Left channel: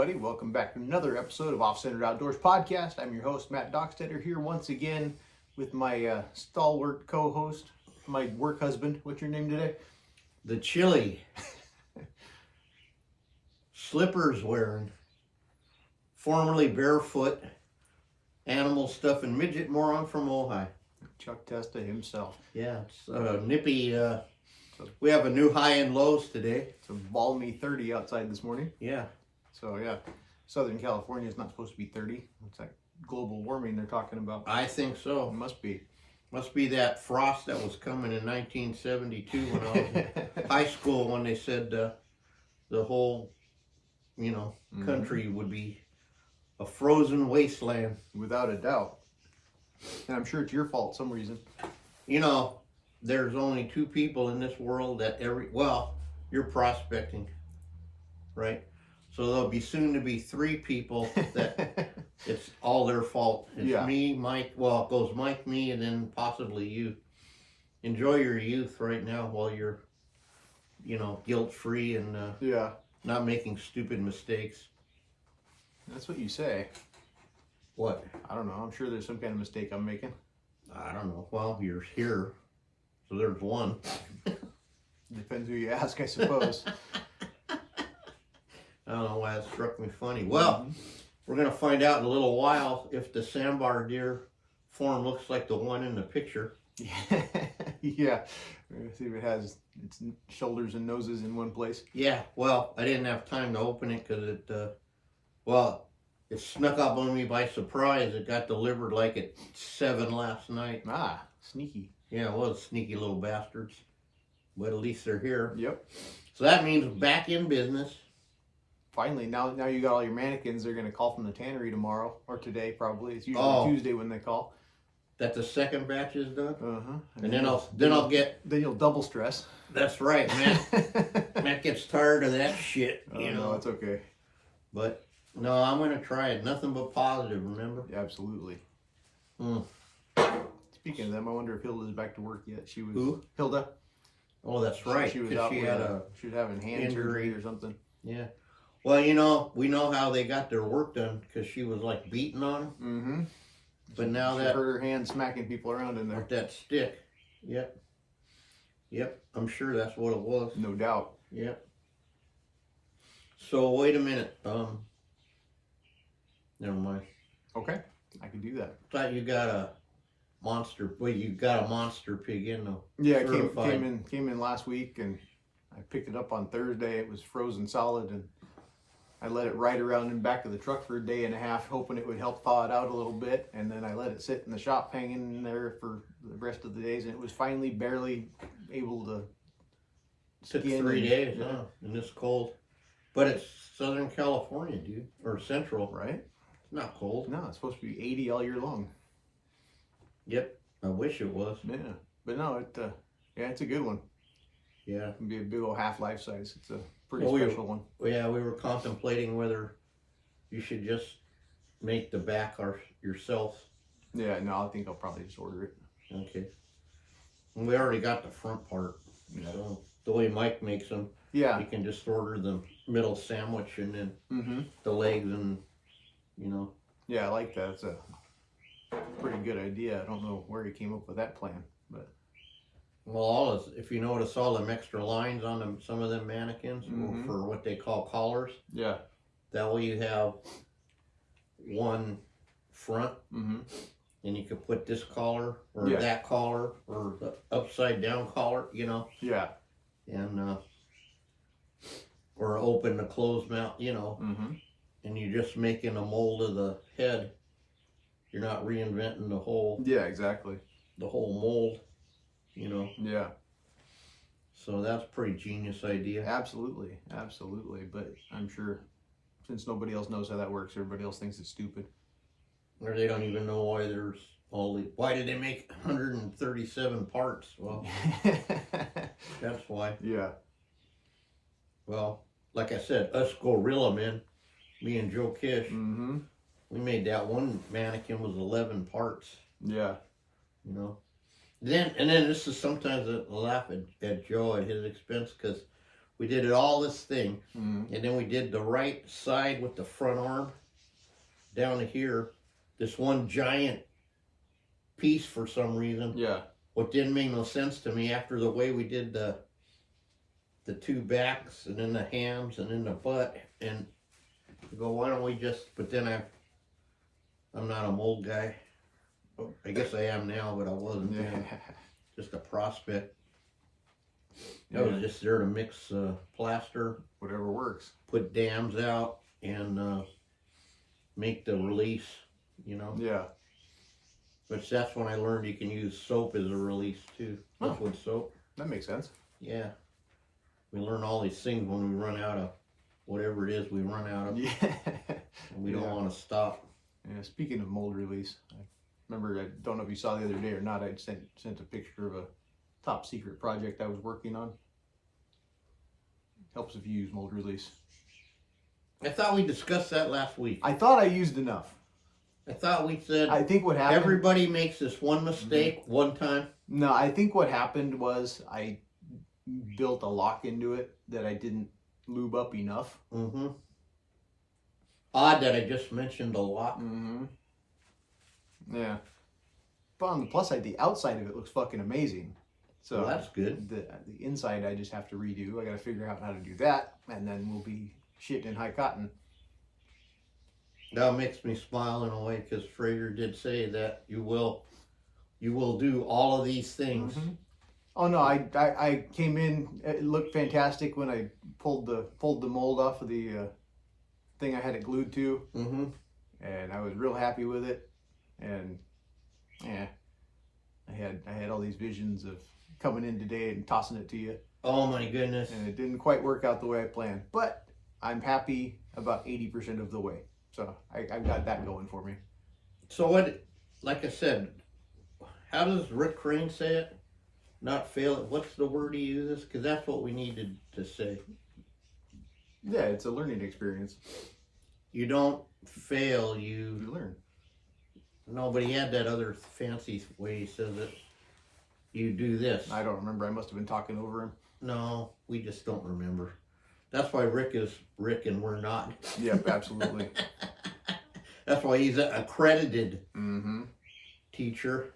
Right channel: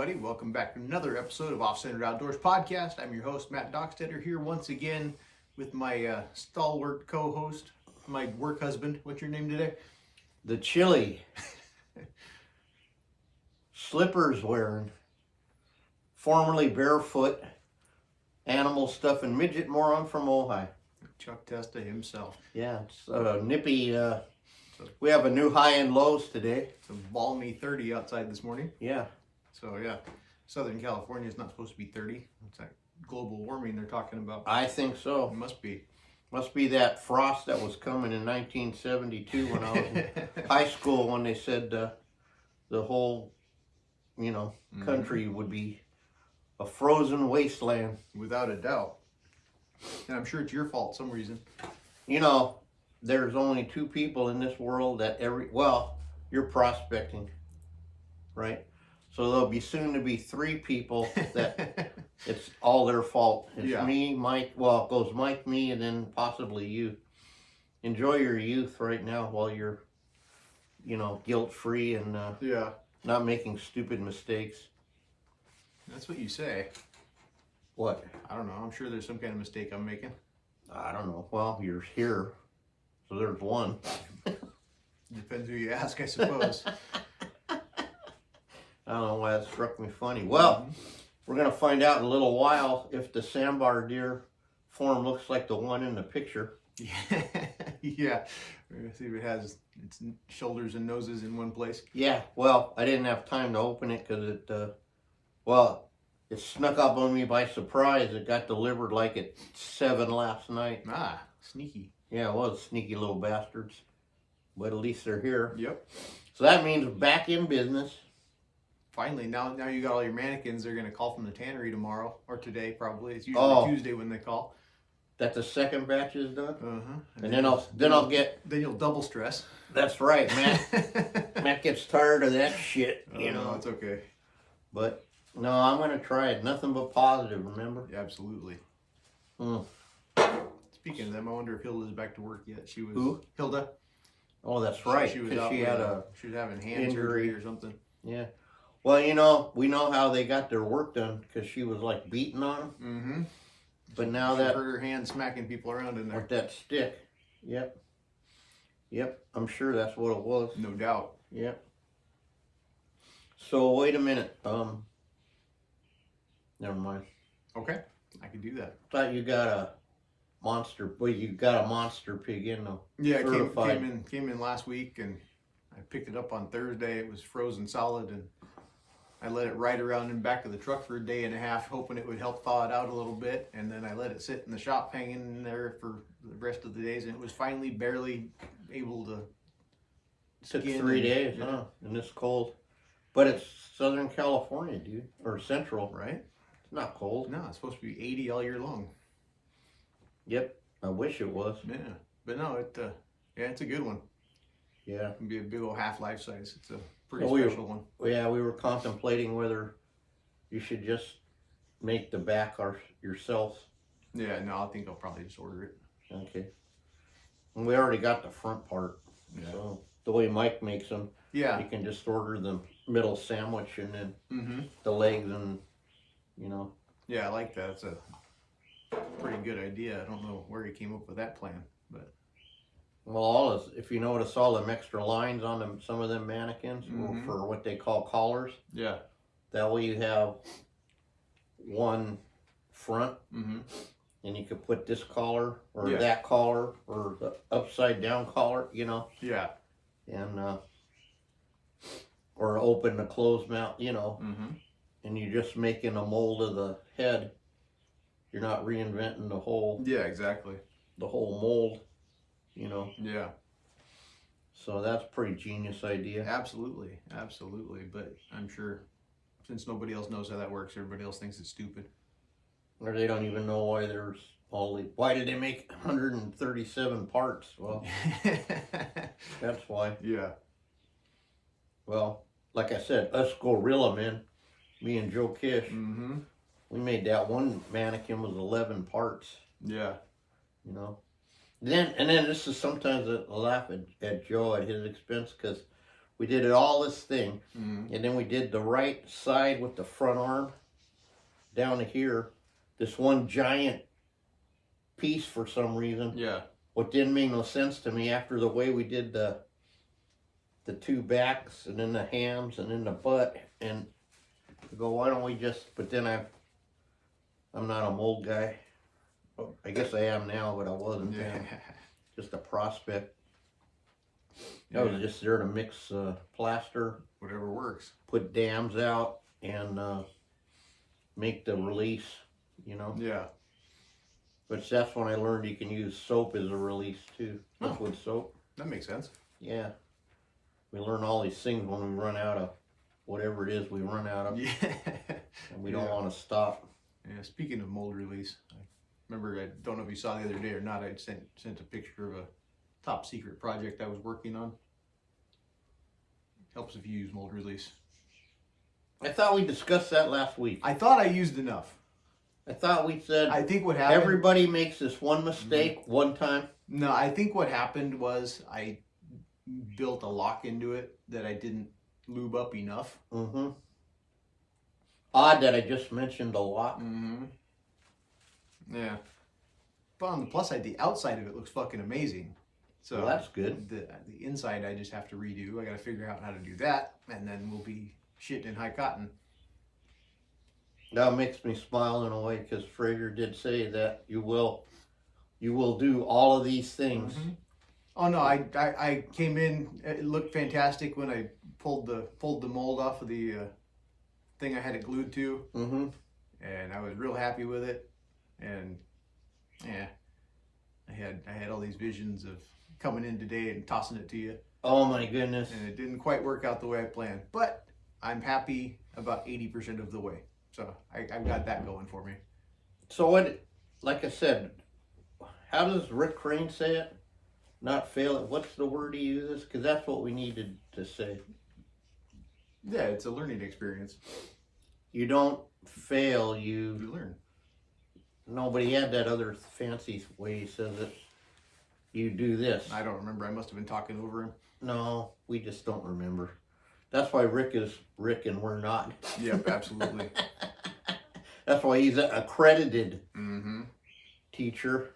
everybody. Welcome back to another episode of OffCentered Outdoors Podcast. I'm your host, Matt Dockstetter, here once again with my stalwart co-host, my work husband. What's your name today? The chili. Slippers wearing, formerly barefoot, animal stuffing midget moron from Ojai. Chuck Testa himself. Yeah, it's nippy. We have a new high and lows today. It's a balmy 30 outside this morning. Yeah. So yeah, Southern California is not supposed to be 30. It's like global warming they're talking about. I think so. It must be. Must be that frost that was coming in 1972 when I was in high school, when they said the whole, country would be a frozen wasteland. Without a doubt. And I'm sure it's your fault some reason. There's only two people in this world that you're prospecting, right? So there'll be soon to be three people that it's all their fault. It's me, Mike, it goes Mike, me, and then possibly you. Enjoy your youth right now while you're, guilt-free and not making stupid mistakes. That's what you say. What? I don't know. I'm sure there's some kind of mistake I'm making. I don't know. Well, you're here, so there's one. Depends who you ask, I suppose. I don't know why that struck me funny. Well, we're going to find out in a little while if the sandbar deer form looks like the one in the picture. Yeah. We're going to see if it has its shoulders and noses in one place. Yeah. Well, I didn't have time to open it because it snuck up on me by surprise. It got delivered like at 7 last night. Ah, sneaky. Yeah, it was sneaky little bastards. But at least they're here. Yep. So that means back in business. Finally, now you got all your mannequins. They're going to call from the tannery tomorrow, or today probably. It's usually Tuesday when they call. That the second batch is done? Uh-huh. And then I'll get... Then you'll double stress. That's right, Matt gets tired of that shit, No, it's okay. But, no, I'm going to try it. Nothing but positive, remember? Yeah, absolutely. Mm. Speaking of them, I wonder if Hilda's back to work yet. She was... Who? Hilda. Oh, that's right. She was out she was having hand surgery or something. Yeah. Well, we know how they got their work done because she was like beating on them. Mm-hmm. But now she hurt her hand smacking people around in there. With that stick. Yep. I'm sure that's what it was. No doubt. Yep. So wait a minute. Never mind. Okay, I can do that. Thought you got a monster. Well, you got a monster pig in though. Yeah, it came in last week, and I picked it up on Thursday. It was frozen solid, and I let it ride around and back to the truck for a day and a half, hoping it would help thaw it out a little bit. And then I let it sit in the shop hanging in there for the rest of the days, and it was finally barely able to Took 3 days, huh? In this cold. But it's Southern California, dude. Or Central. Right? It's not cold. No, it's supposed to be 80 all year long. Yep. I wish it was. Yeah. But no, it's a good one. Yeah. It can be a big old half life size. It's a pretty special one. Yeah, we were contemplating whether you should just make the back yourself. Yeah, no, I think I'll probably just order it. Okay. And we already got the front part. Yeah. So the way Mike makes them, yeah, you can just order the middle sandwich and then the legs and, Yeah, I like that. It's a pretty good idea. I don't know where he came up with that plan, but... Well, if you notice all them extra lines on them, some of them mannequins for what they call collars. Yeah. That way you have one front, and you could put this collar or that collar or the upside down collar, Yeah. And or open the closed mouth, and you're just making a mold of the head. You're not reinventing the whole. Yeah, exactly. The whole mold. Yeah. So that's a pretty genius idea. Absolutely. But I'm sure since nobody else knows how that works, everybody else thinks it's stupid. Or they don't even know why there's why did they make 137 parts? Well, that's why. Yeah. Well, like I said, us gorilla men, me and Joe Kish, we made that one mannequin was 11 parts. Yeah. And then this is sometimes I laugh at Joe at his expense because We did it all this thing, Mm-hmm. and then we did the right side with the front arm down to here. This one giant piece for some reason. Yeah. What didn't make no sense to me after the way we did the two backs and then the hams and then the butt, and I go, why don't we just? But then I'm not a mold guy. I guess I am now, but I wasn't then. Just a prospect. I was just there to mix plaster, Whatever works. put dams out, and make the release, you know. Yeah. But that's when I learned you can use soap as a release too. Liquid soap. That makes sense. Yeah. We learn all these things when we run out of whatever it is we run out of. Yeah. And we don't want to stop. Yeah. Speaking of mold release, I remember, I don't know if you saw the other day or not, I'd sent a picture of a top secret project I was working on. Helps if you use mold release. I thought we discussed that last week. I thought I used enough. I thought we said I think what happened. everybody makes this one mistake one time. No, I think what happened was I built a lock into it that I didn't lube up enough. Mm-hmm. Odd that I just mentioned a lot. Mm-hmm. Yeah. But on the plus side, the outside of it looks fucking amazing. So Well, that's good. The inside I just have to redo. I got to figure out how to do that, and then we'll be shitting in high cotton. That makes me smile in a way because Fraser did say that you will do all of these things. Mm-hmm. Oh no, I came in. It looked fantastic when I pulled the mold off of the thing I had it glued to, Mm-hmm. and I was real happy with it. And yeah, I had all these visions of coming in today and tossing it to you, Oh my goodness. and it didn't quite work out the way I planned. But I'm happy about 80% of the way, so I've got that going for me. So what? Like I said, how does Rick Crane say it? Not fail it. What's the word he uses? Because that's what we needed to say. Yeah, it's a learning experience. You don't fail. You You learn. Nobody had that other fancy way he says it. You do this. I don't remember. I must have been talking over him. No, we just don't remember. That's why Rick is Rick and we're not. Yep, absolutely. That's why he's an accredited Mm-hmm. teacher.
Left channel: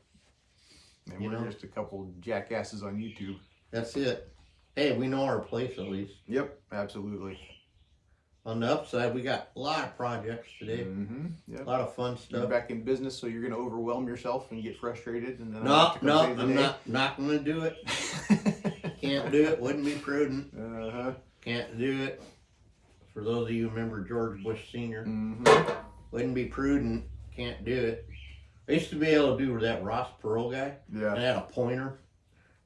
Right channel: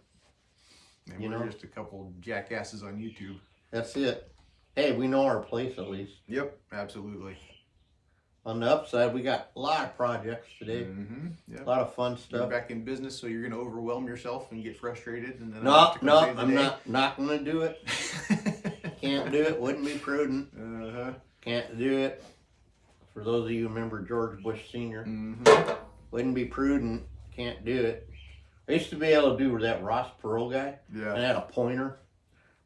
And You we're know? just a couple jackasses on YouTube. That's it. Hey, we know our place at least. Yep, absolutely. On the upside, we got a lot of projects today. Mm-hmm. A Yep. lot of fun You're stuff. back in business, so you're going to overwhelm yourself and get frustrated, and then I No, have to come save the I'm day. not going to do it. Can't do it. Wouldn't be prudent. Uh-huh. Can't do it. For those of you who remember George Bush Sr., Mm-hmm. wouldn't be prudent. Can't do it. I used to be able to do with that Ross Perot guy. Yeah. I had a pointer.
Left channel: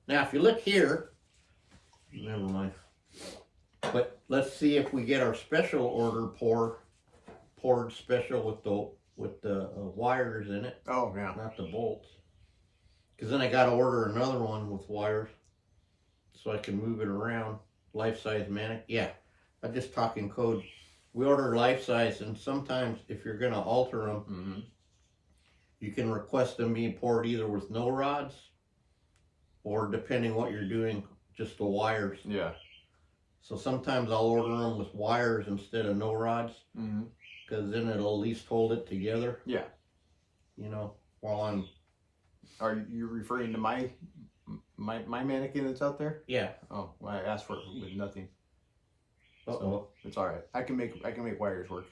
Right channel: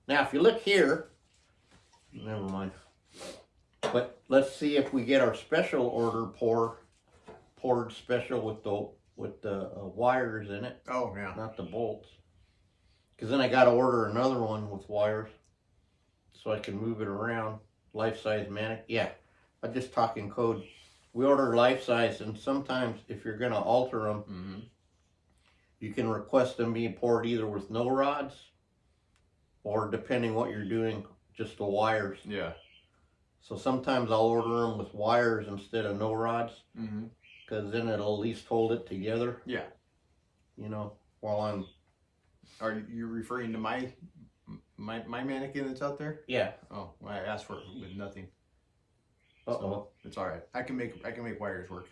Now, if you look here, never mind. But let's see if we get our special order poured special with the wires in it, Oh, yeah. not the bolts. Because then I got to order another one with wires so I can move it around. Life size manic. Yeah, I'm just talking code. We order life size, and sometimes if you're going to alter them, Mm-hmm. you can request them be poured either with no rods or, depending what you're doing, just the wires. Yeah. So sometimes I'll order them with wires instead of no rods, Mm-hmm. because then it'll at least hold it together. Yeah. You know, while I'm, Are you referring to my mannequin that's out there? yeah. Oh, well, I asked for it with nothing. Uh-oh. So it's all right. I can make wires work.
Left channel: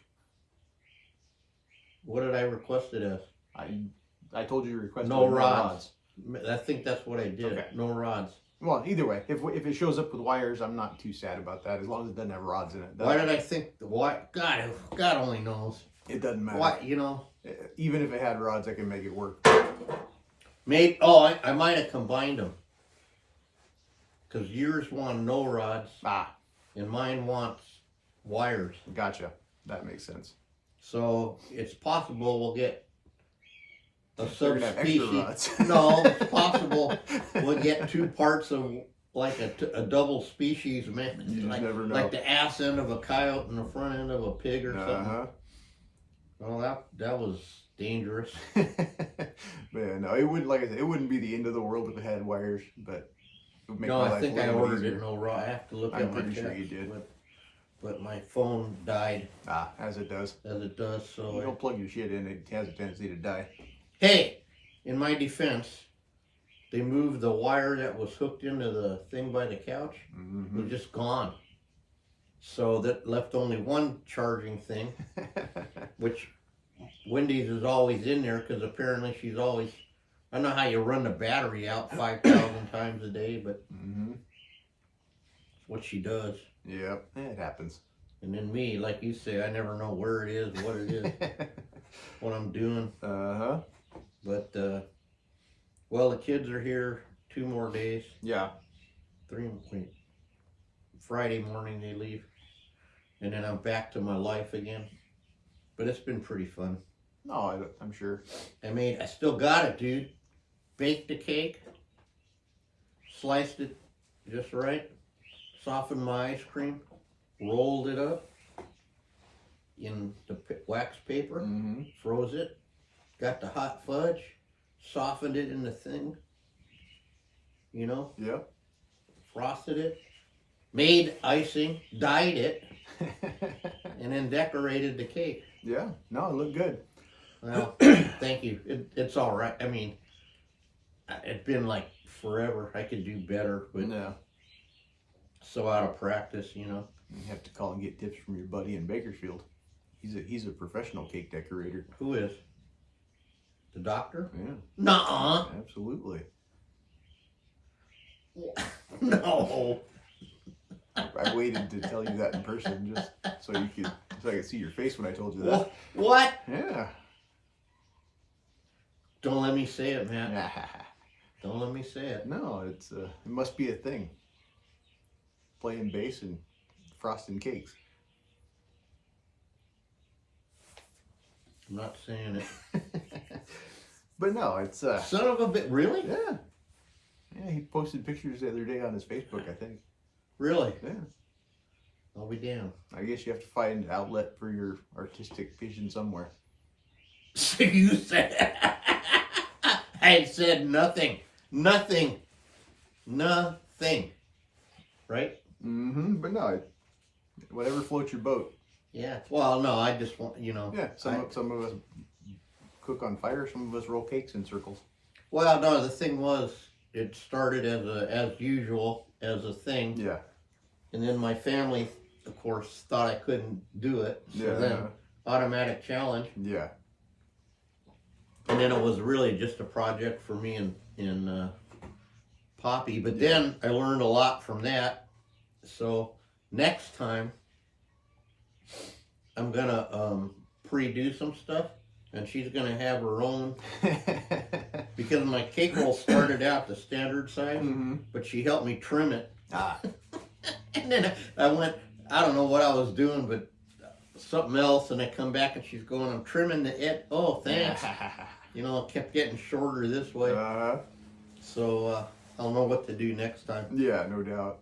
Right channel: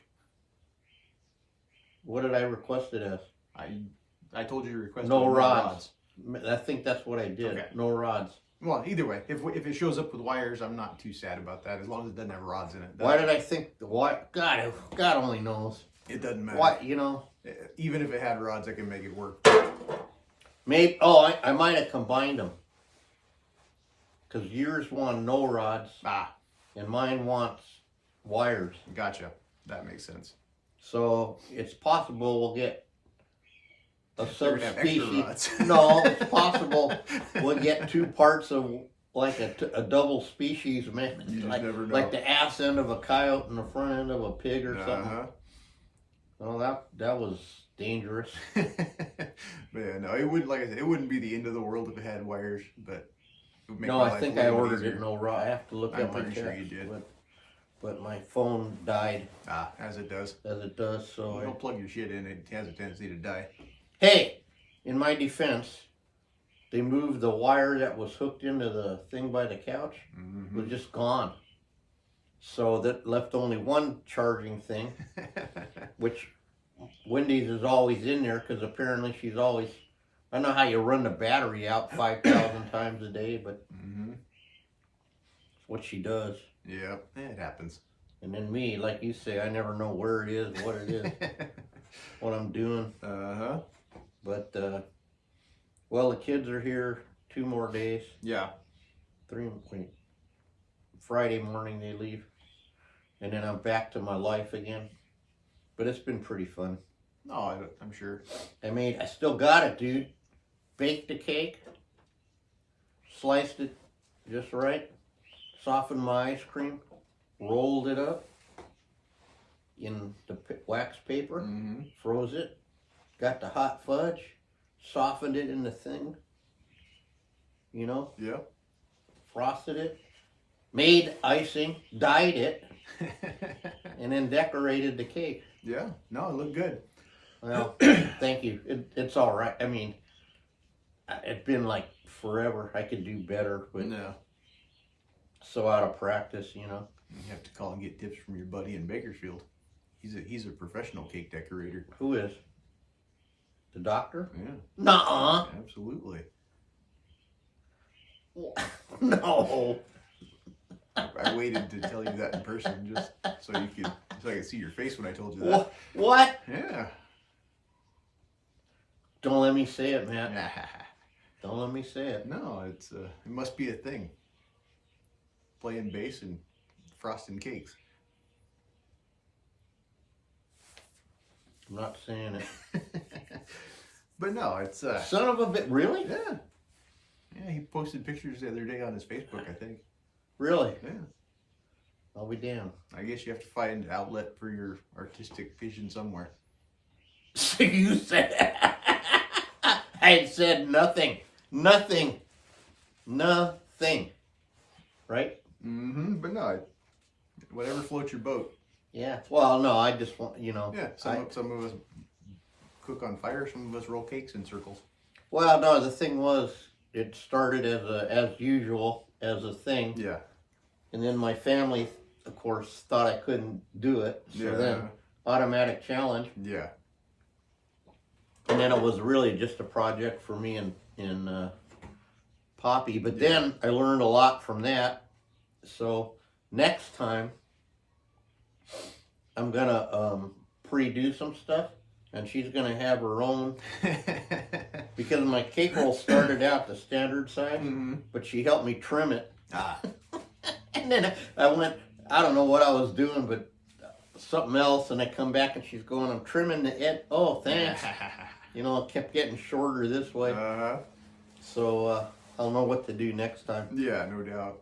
What did I request it as? I told you to request No with rods. I think that's what I did. Okay. No rods. Well, either way, if it shows up with wires, I'm not too sad about that, as long as it doesn't have rods in it. Why did I think God only knows. It doesn't matter. What, you know? Even if it had rods, I can make it work. Maybe, I might have combined them. Because yours want no rods Ah, and mine wants wires. gotcha. That makes sense. So it's possible we'll get a They're gonna have extra subspecies. rods. No, it's possible we'll get two parts of like a double species, man. You just like, never know. like the ass end of a coyote and the front end of a pig or something. Uh-huh. Well, that was dangerous. But yeah, no, it wouldn't. Like I said, it wouldn't be the end of the world if it had wires. But would make No, my I life think a I little ordered easier. it no raw. I have to look I'm at my pretty text, sure you did. but my phone died As it does. as it does. You So don't plug your shit in, it has a tendency to die. hey, in my defense, they moved the wire that was hooked into the thing by the couch. Mm-hmm. It was just gone. So that left only one charging thing, which Wendy's is always in there because apparently she's always. I don't know how you run the battery out 5,000 times a day, but Mm-hmm. it's what she does. Yep, it happens. And then me, like you say, I never know where it is, what it is, what I'm doing. Uh-huh. But, well, the kids are here 2 more days. Yeah. Wait, Friday morning they leave. And then I'm back to my life again. But it's been pretty fun. No, I'm sure. I still got it, dude. Baked the cake. Sliced it just right. Softened my ice cream. Rolled it up in the wax paper. Mm-hmm. Froze it. Got the hot fudge. Softened it in the thing. You know? Yep. Frosted it. Made icing. Dyed it. And then decorated the cake. Yeah. No, it looked good. Well, thank you. It's all right. I mean, it's been like forever. I could do better, but No. so out of practice, you know. You have to call and get tips from your buddy in Bakersfield. He's a professional cake decorator. Who is? The doctor? Yeah. Nuh-uh. Absolutely. No. I waited to tell you that in person just so I could see your face when I told you that. What? Yeah. Don't let me say it, man. Don't let me say it. No, it must be a thing. Playing bass and frosting cakes. I'm not saying it. But no, it's Son of a bit. Really? yeah. Yeah, he posted pictures the other day on his Facebook, I think. Really? Yeah. I'll be damned. I guess you have to find an outlet for your artistic vision somewhere. So you said I said nothing. Nothing. Nothing. Right? Mm-hmm. But no, whatever floats your boat. Yeah. Well, no, I just want, you know. Yeah. Some of us cook on fire. Some of us roll cakes in circles. Well, no, the thing was, it started as usual, as a thing. Yeah. And then my family, of course, thought I couldn't do it. So Yeah. then, automatic challenge. Yeah. And then it was really just a project for me and Poppy. But then I learned a lot from that. So next time, I'm going to pre-do some stuff. And she's going to have her own. Because my cake roll started out the standard size. Mm-hmm. But she helped me trim it. Ah. And then I went, I don't know what I was doing, but something else. And I come back and she's going, I'm trimming the edge. Oh, thanks. You know, it kept getting shorter this way. So I don't know what to do next time. Yeah, no doubt.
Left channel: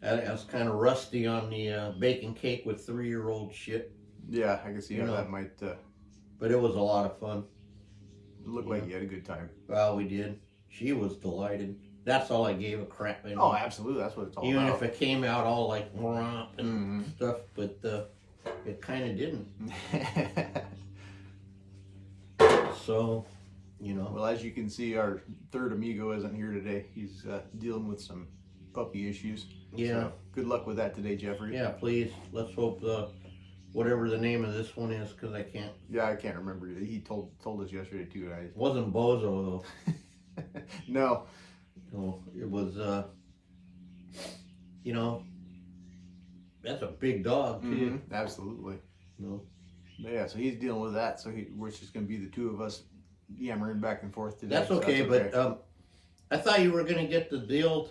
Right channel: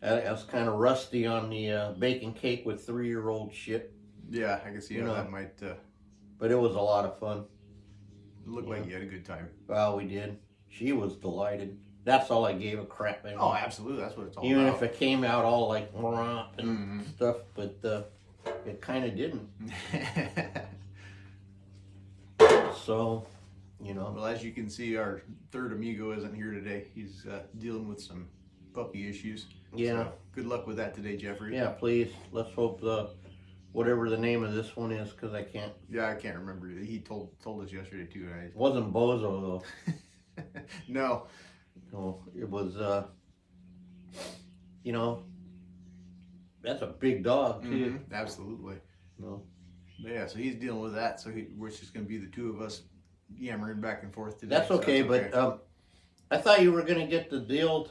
I was kind of rusty on the baking cake with 3-year-old shit. Yeah, I can see how that might But it was a lot of fun. look like you had a good time. Well, we did. She was delighted. That's all I gave a crap. I mean, Oh, absolutely. That's what it's all even about. if it came out all like and Mhm. stuff, but it kind of didn't. So, you know. Well, as you can see, our third amigo isn't here today. He's dealing with some puppy issues. Yeah. So good luck with that today, Jeffrey. Yeah, please. Let's hope whatever the name of this one is, because I can't. Yeah, I can't remember. He told us yesterday too. And It wasn't Bozo though. No. No, it was. You know, that's a big dog too. Mhm. Absolutely. No. But yeah, so he's dealing with that. So we're just going to be the two of us yammering back and forth today. That's so okay, but I thought you were going to get the deal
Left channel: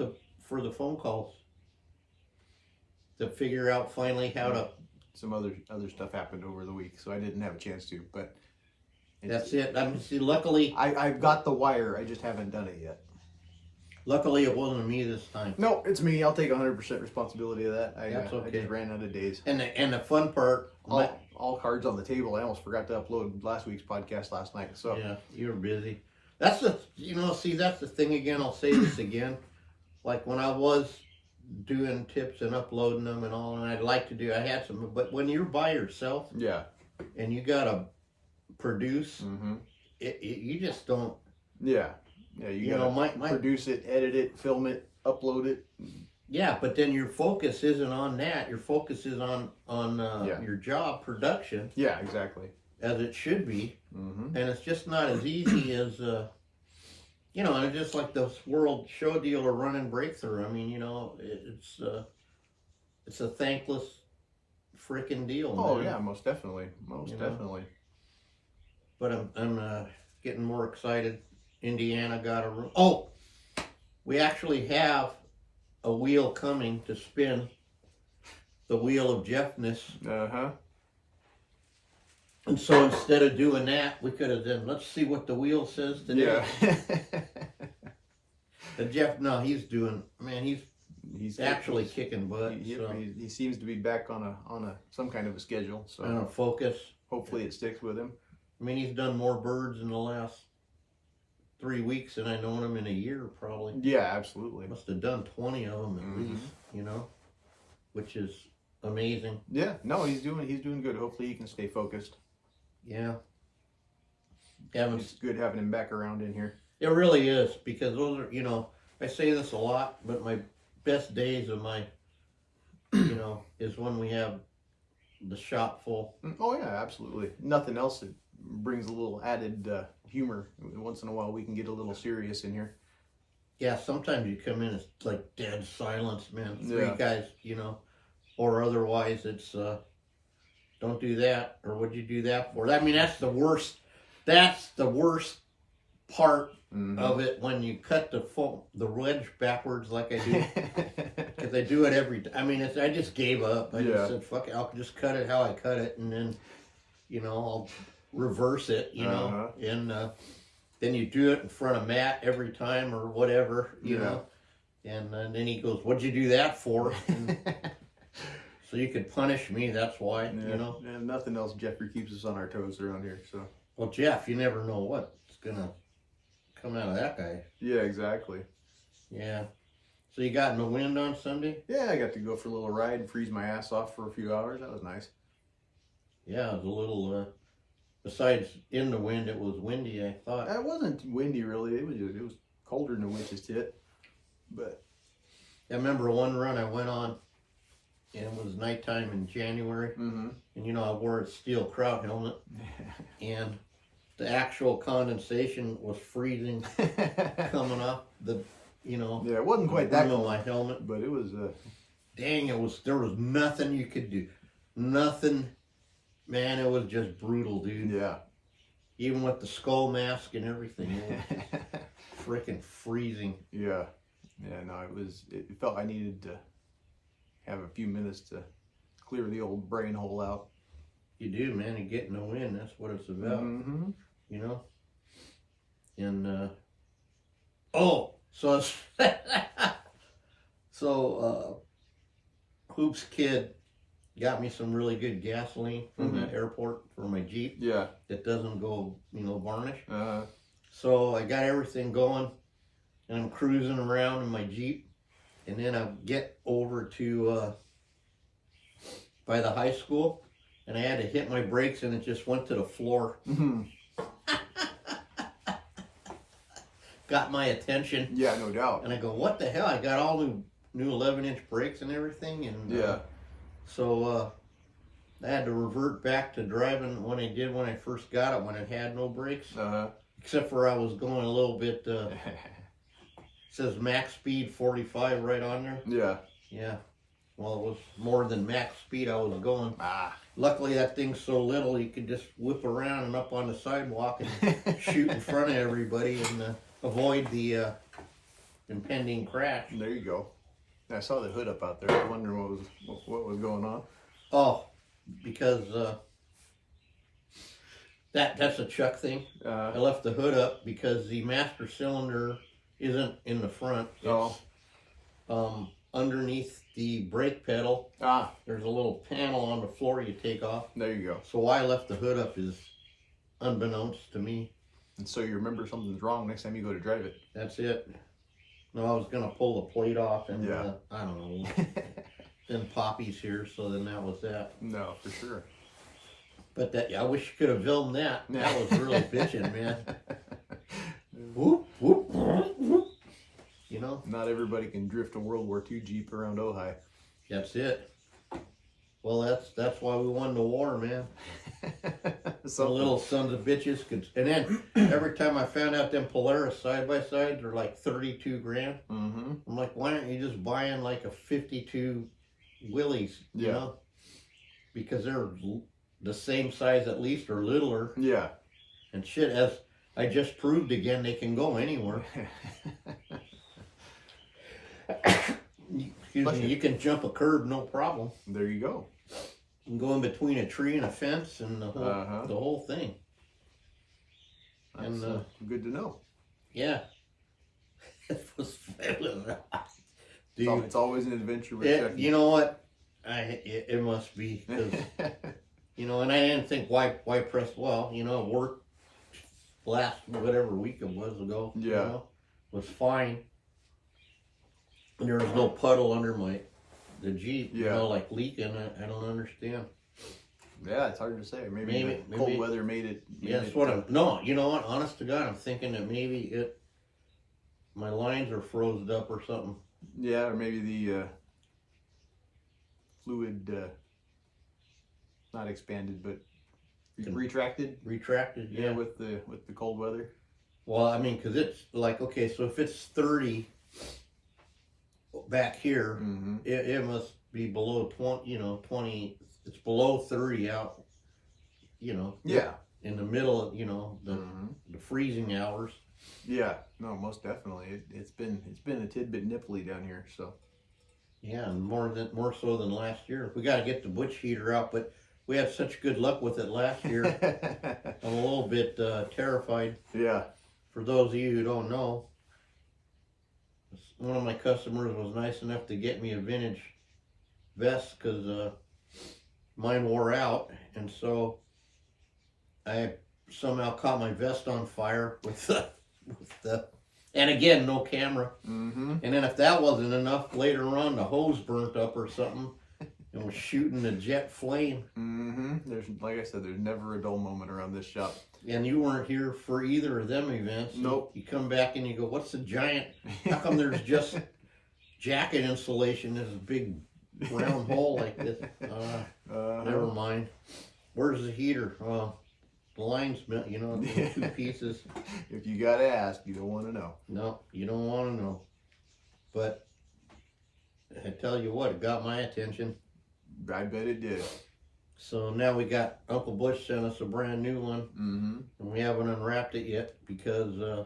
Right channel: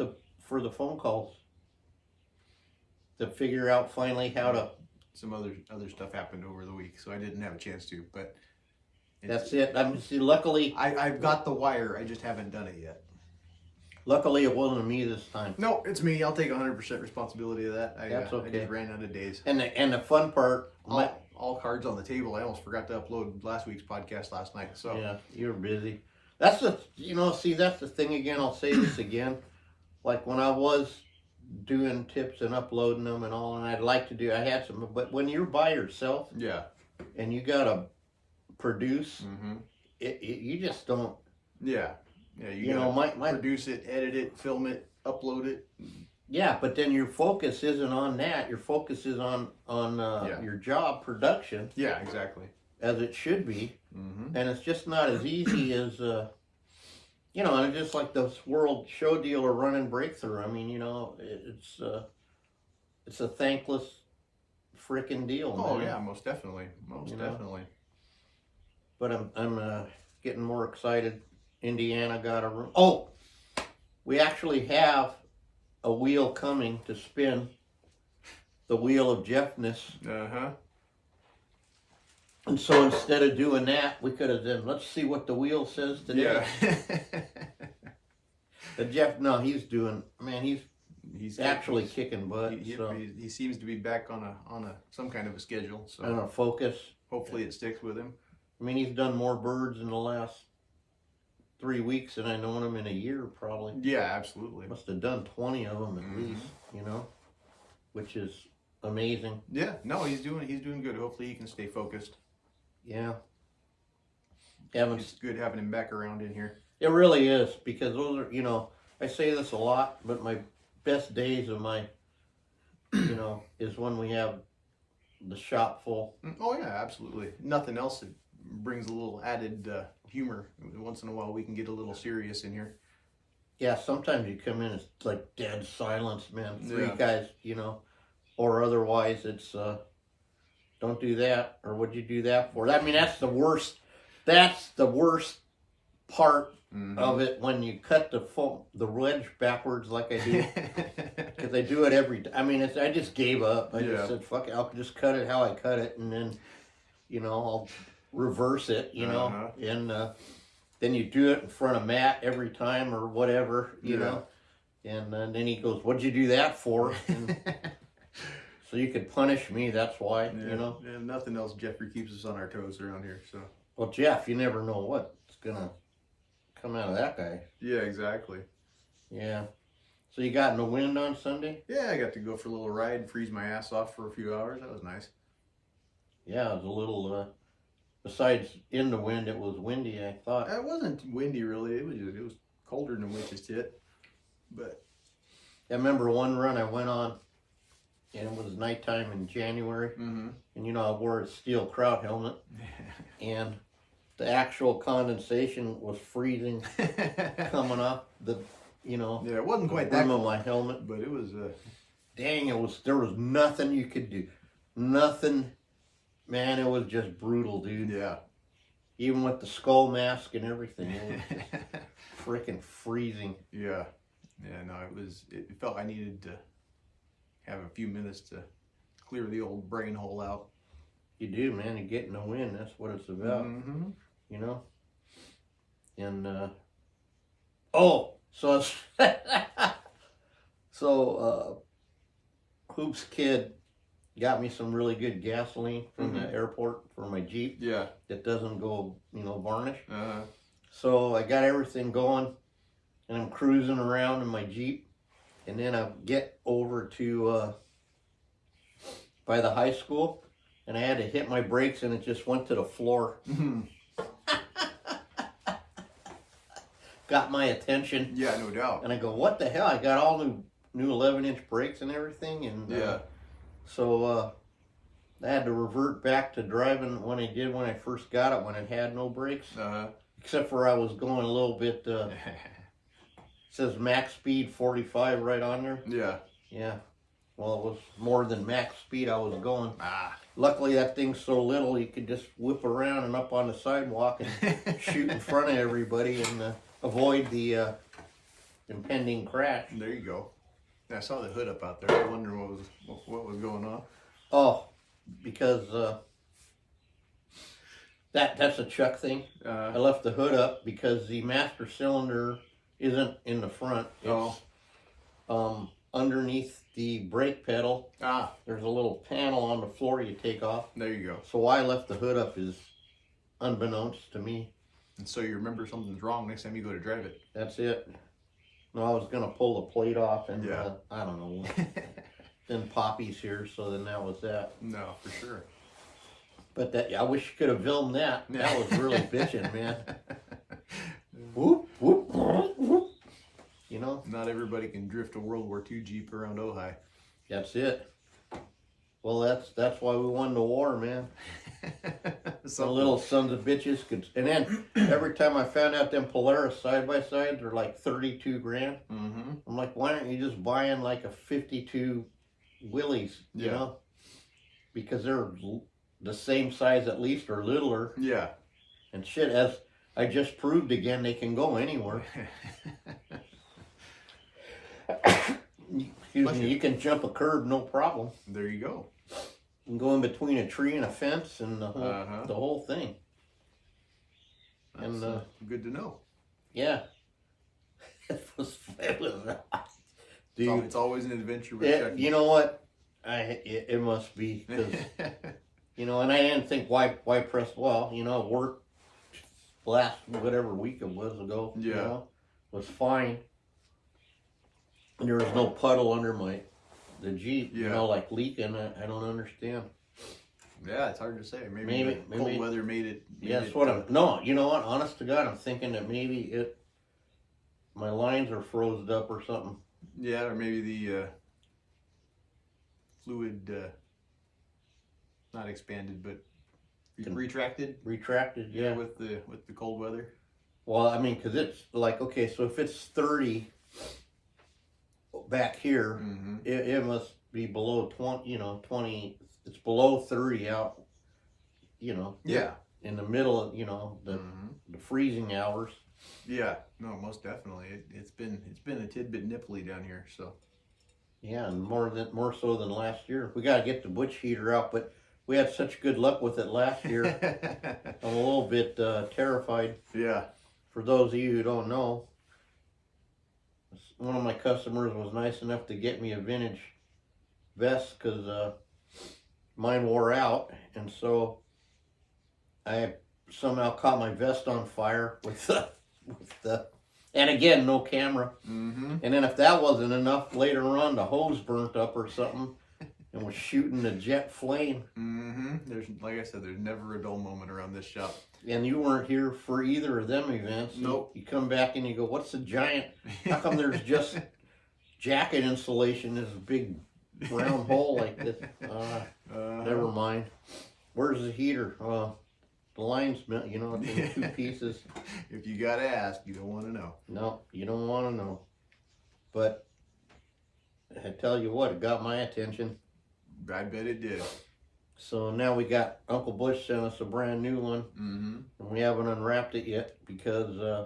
for the phone calls to figure out finally how to. Some other stuff happened over the week, so I didn't have a chance to. But That's it. I mean, see, luckily I've got the wire. I just haven't done it yet. it wasn't me this time. No, it's me. I'll take 100% responsibility of that. That's okay. I just ran out of days. And the fun part, All cards on the table. I almost forgot to upload last week's podcast last night. So yeah, you're busy. That's the that's the thing again. I'll say this again. like when I was doing tips and uploading them and all, and I'd like to do, I had some, but when you're by yourself, Yeah. and you gotta produce, Mm-hmm. You just don't. Yeah. Yeah. You know, gotta my produce it, edit it, film it, upload it. yeah, but then your focus isn't on that. Your focus is on Yeah. your job production, Yeah. Exactly. as it should be, Mm-hmm. and it's just not as easy as you know. And just like this world show deal or running breakthrough. I mean, you know, it's a thankless freaking deal. Oh man. yeah, most definitely, most You know? definitely. But I'm getting more excited. Indiana got a room. Oh, we actually have a wheel coming to spin. The wheel of Jeffness. Uh-huh. And so instead of doing that, we could have done, let's see what the wheel says today. Yeah. And Jeff, no, he's doing, man, he's actually kicking butt. He seems to be back on a some kind of a schedule. So And a focus. hopefully it sticks with him. I mean, he's done more birds in the last 3 weeks than I've known him in a year, probably. Yeah, absolutely. Must have done 20 of them at Mhm. least, you know, which is amazing. Yeah, no, he's doing good. Hopefully he can stay focused. Yeah. It's good having him back around in here. It really is, because those are, you know, I say this a lot, but my best days of my, you know, is when we have the shop full. Oh yeah, absolutely. Nothing else that brings a little added humor. Once in a while we can get a little serious in here. Yeah, sometimes you come in, it's like dead silence, man. Three Yeah. guys, you know, or otherwise it's, don't do that, or what'd you do that for? I mean, that's the worst part Mhm. of it, when you cut the wedge backwards like I do. Because I do it every time. I mean, I just gave up. I Yeah. just said, fuck it, I'll just cut it how I cut it, and then, you know, I'll reverse it, you know, Uh-huh. and then you do it in front of Matt every time or whatever, you Yeah. know, and then he goes, what'd you do that for? And so you could punish me, that's why, Yeah, you know. and nothing else. Jeffrey keeps us on our toes around here. So Well, Jeff, you never know what's gonna come out of that guy. yeah, exactly. Yeah. So you got in the wind on Sunday? Yeah, I got to go for a little ride and freeze my ass off for a few hours. That was nice. Yeah, it was a little, besides in the wind, it was windy, I thought. It wasn't windy really. It was colder than a witch's tit. But I remember one run I went on, and it was nighttime in January, mm-hmm. and you know, I wore a steel kraut helmet, and the actual condensation was freezing coming off the, you know, Yeah, it wasn't quite that brim of cold, my helmet. but it was. Dang, there was nothing you could do. Nothing, man, it was just brutal, dude. Yeah. Even with the skull mask and everything, it was freaking freezing. Yeah. Yeah. No, it was. It felt I needed to have a few minutes to clear the old brain hole out. You do, man. You get in the wind. That's what it's about. Mm-hmm. You know. And oh, so Hoop's kid got me some really good gasoline from the airport for my Jeep Yeah. that doesn't go, you know, varnish. Uh-huh. So I got everything going, and I'm cruising around in my Jeep, and then I get over to by the high school, and I had to hit my brakes, and it just went to the floor. Mm-hmm. Got my attention, Yeah, no doubt. and I go, "What the hell?" I got all new 11-inch brakes and everything, and Yeah. so I had to revert back to driving when I did when I first got it, when it had no brakes, Uh-huh. except for I was going a little bit. Says max speed 45 right on there. Yeah. Yeah. Well, it was more than max speed I was going. Ah. Luckily, that thing's so little you could just whip around and up on the sidewalk and shoot in front of everybody and avoid the impending crash. There you go. I saw the hood up out there. I was wondering what was going on. Oh, because that's a Chuck thing. I left the hood up because the master cylinder isn't in the front. It's underneath the brake pedal. There's a little panel on the floor you take off. There you go. So why I left the hood up is unbeknownst to me. And so you remember something's wrong next time you go to drive it. That's it. No, I was gonna pull the plate off and Yeah. I don't know. Then Poppy's here, so then that was that. No, for sure. But that, I wish you could have filmed that. That was really bitching, man. Whoop. Whoop, whoop, whoop. You know? Not everybody can drift a World War II Jeep around Ojai. That's it. Well, that's why we won the war, man. The little sons of bitches could. And then every time I found out them Polaris side by sides are like 32 grand. Mm-hmm. I'm like, why aren't you just buying like a 52 Willys? You know, because they're the same size at least or littler. Yeah. And shit, as I just proved again, they can go anywhere. Excuse me, you can jump a curb, no problem. There you go. You can go in between a tree and a fence and the whole thing. That's, And good to know. yeah, it was dude. It's always an adventure with Chucky. You know what? It must be, 'cause, you know. And I didn't think why press. Well, you know, it worked last whatever week it was ago. Yeah, you know, was fine. And there was no puddle under the Jeep, you know, like leaking. I don't understand. Yeah, it's hard to say. Maybe cold weather made it. That's what I'm. No, you know what? Honest to God, I'm thinking that maybe my lines are frozen up or something. Yeah, or maybe the fluid, not expanded, but retracted. Retracted, yeah. With the cold weather. Well, I mean, because it's like, okay, so if it's 30 back here, it must be below 20, you know, 20, it's below 30 out, you know. Yeah. In the middle of, you know, the freezing hours. Yeah, no, most definitely. It's been a tidbit nipply down here, so. Yeah, and more so than last year. We got to get the butch heater out, but we had such good luck with it last year. I'm a little bit terrified. Yeah. For those of you who don't know, one of my customers was nice enough to get me a vintage vest because mine wore out, and so I somehow caught my vest on fire with the and again, no camera. And then if that wasn't enough, later on the hose burnt up or something and was shooting a jet flame. There's, like I said, there's never a dull moment around this shop. And you weren't here for either of them events. Nope. You come back and you go, what's the giant? How come there's just jacket insulation? There's a big round hole like this. Never mind. Where's the heater? The line's, you know, it's in two pieces. If you gotta ask, you don't want to know. No, you don't want to know. But I tell you what, it got my attention. I bet it did. So now we got Uncle Bush sent us a brand new one, and we haven't unwrapped it yet because,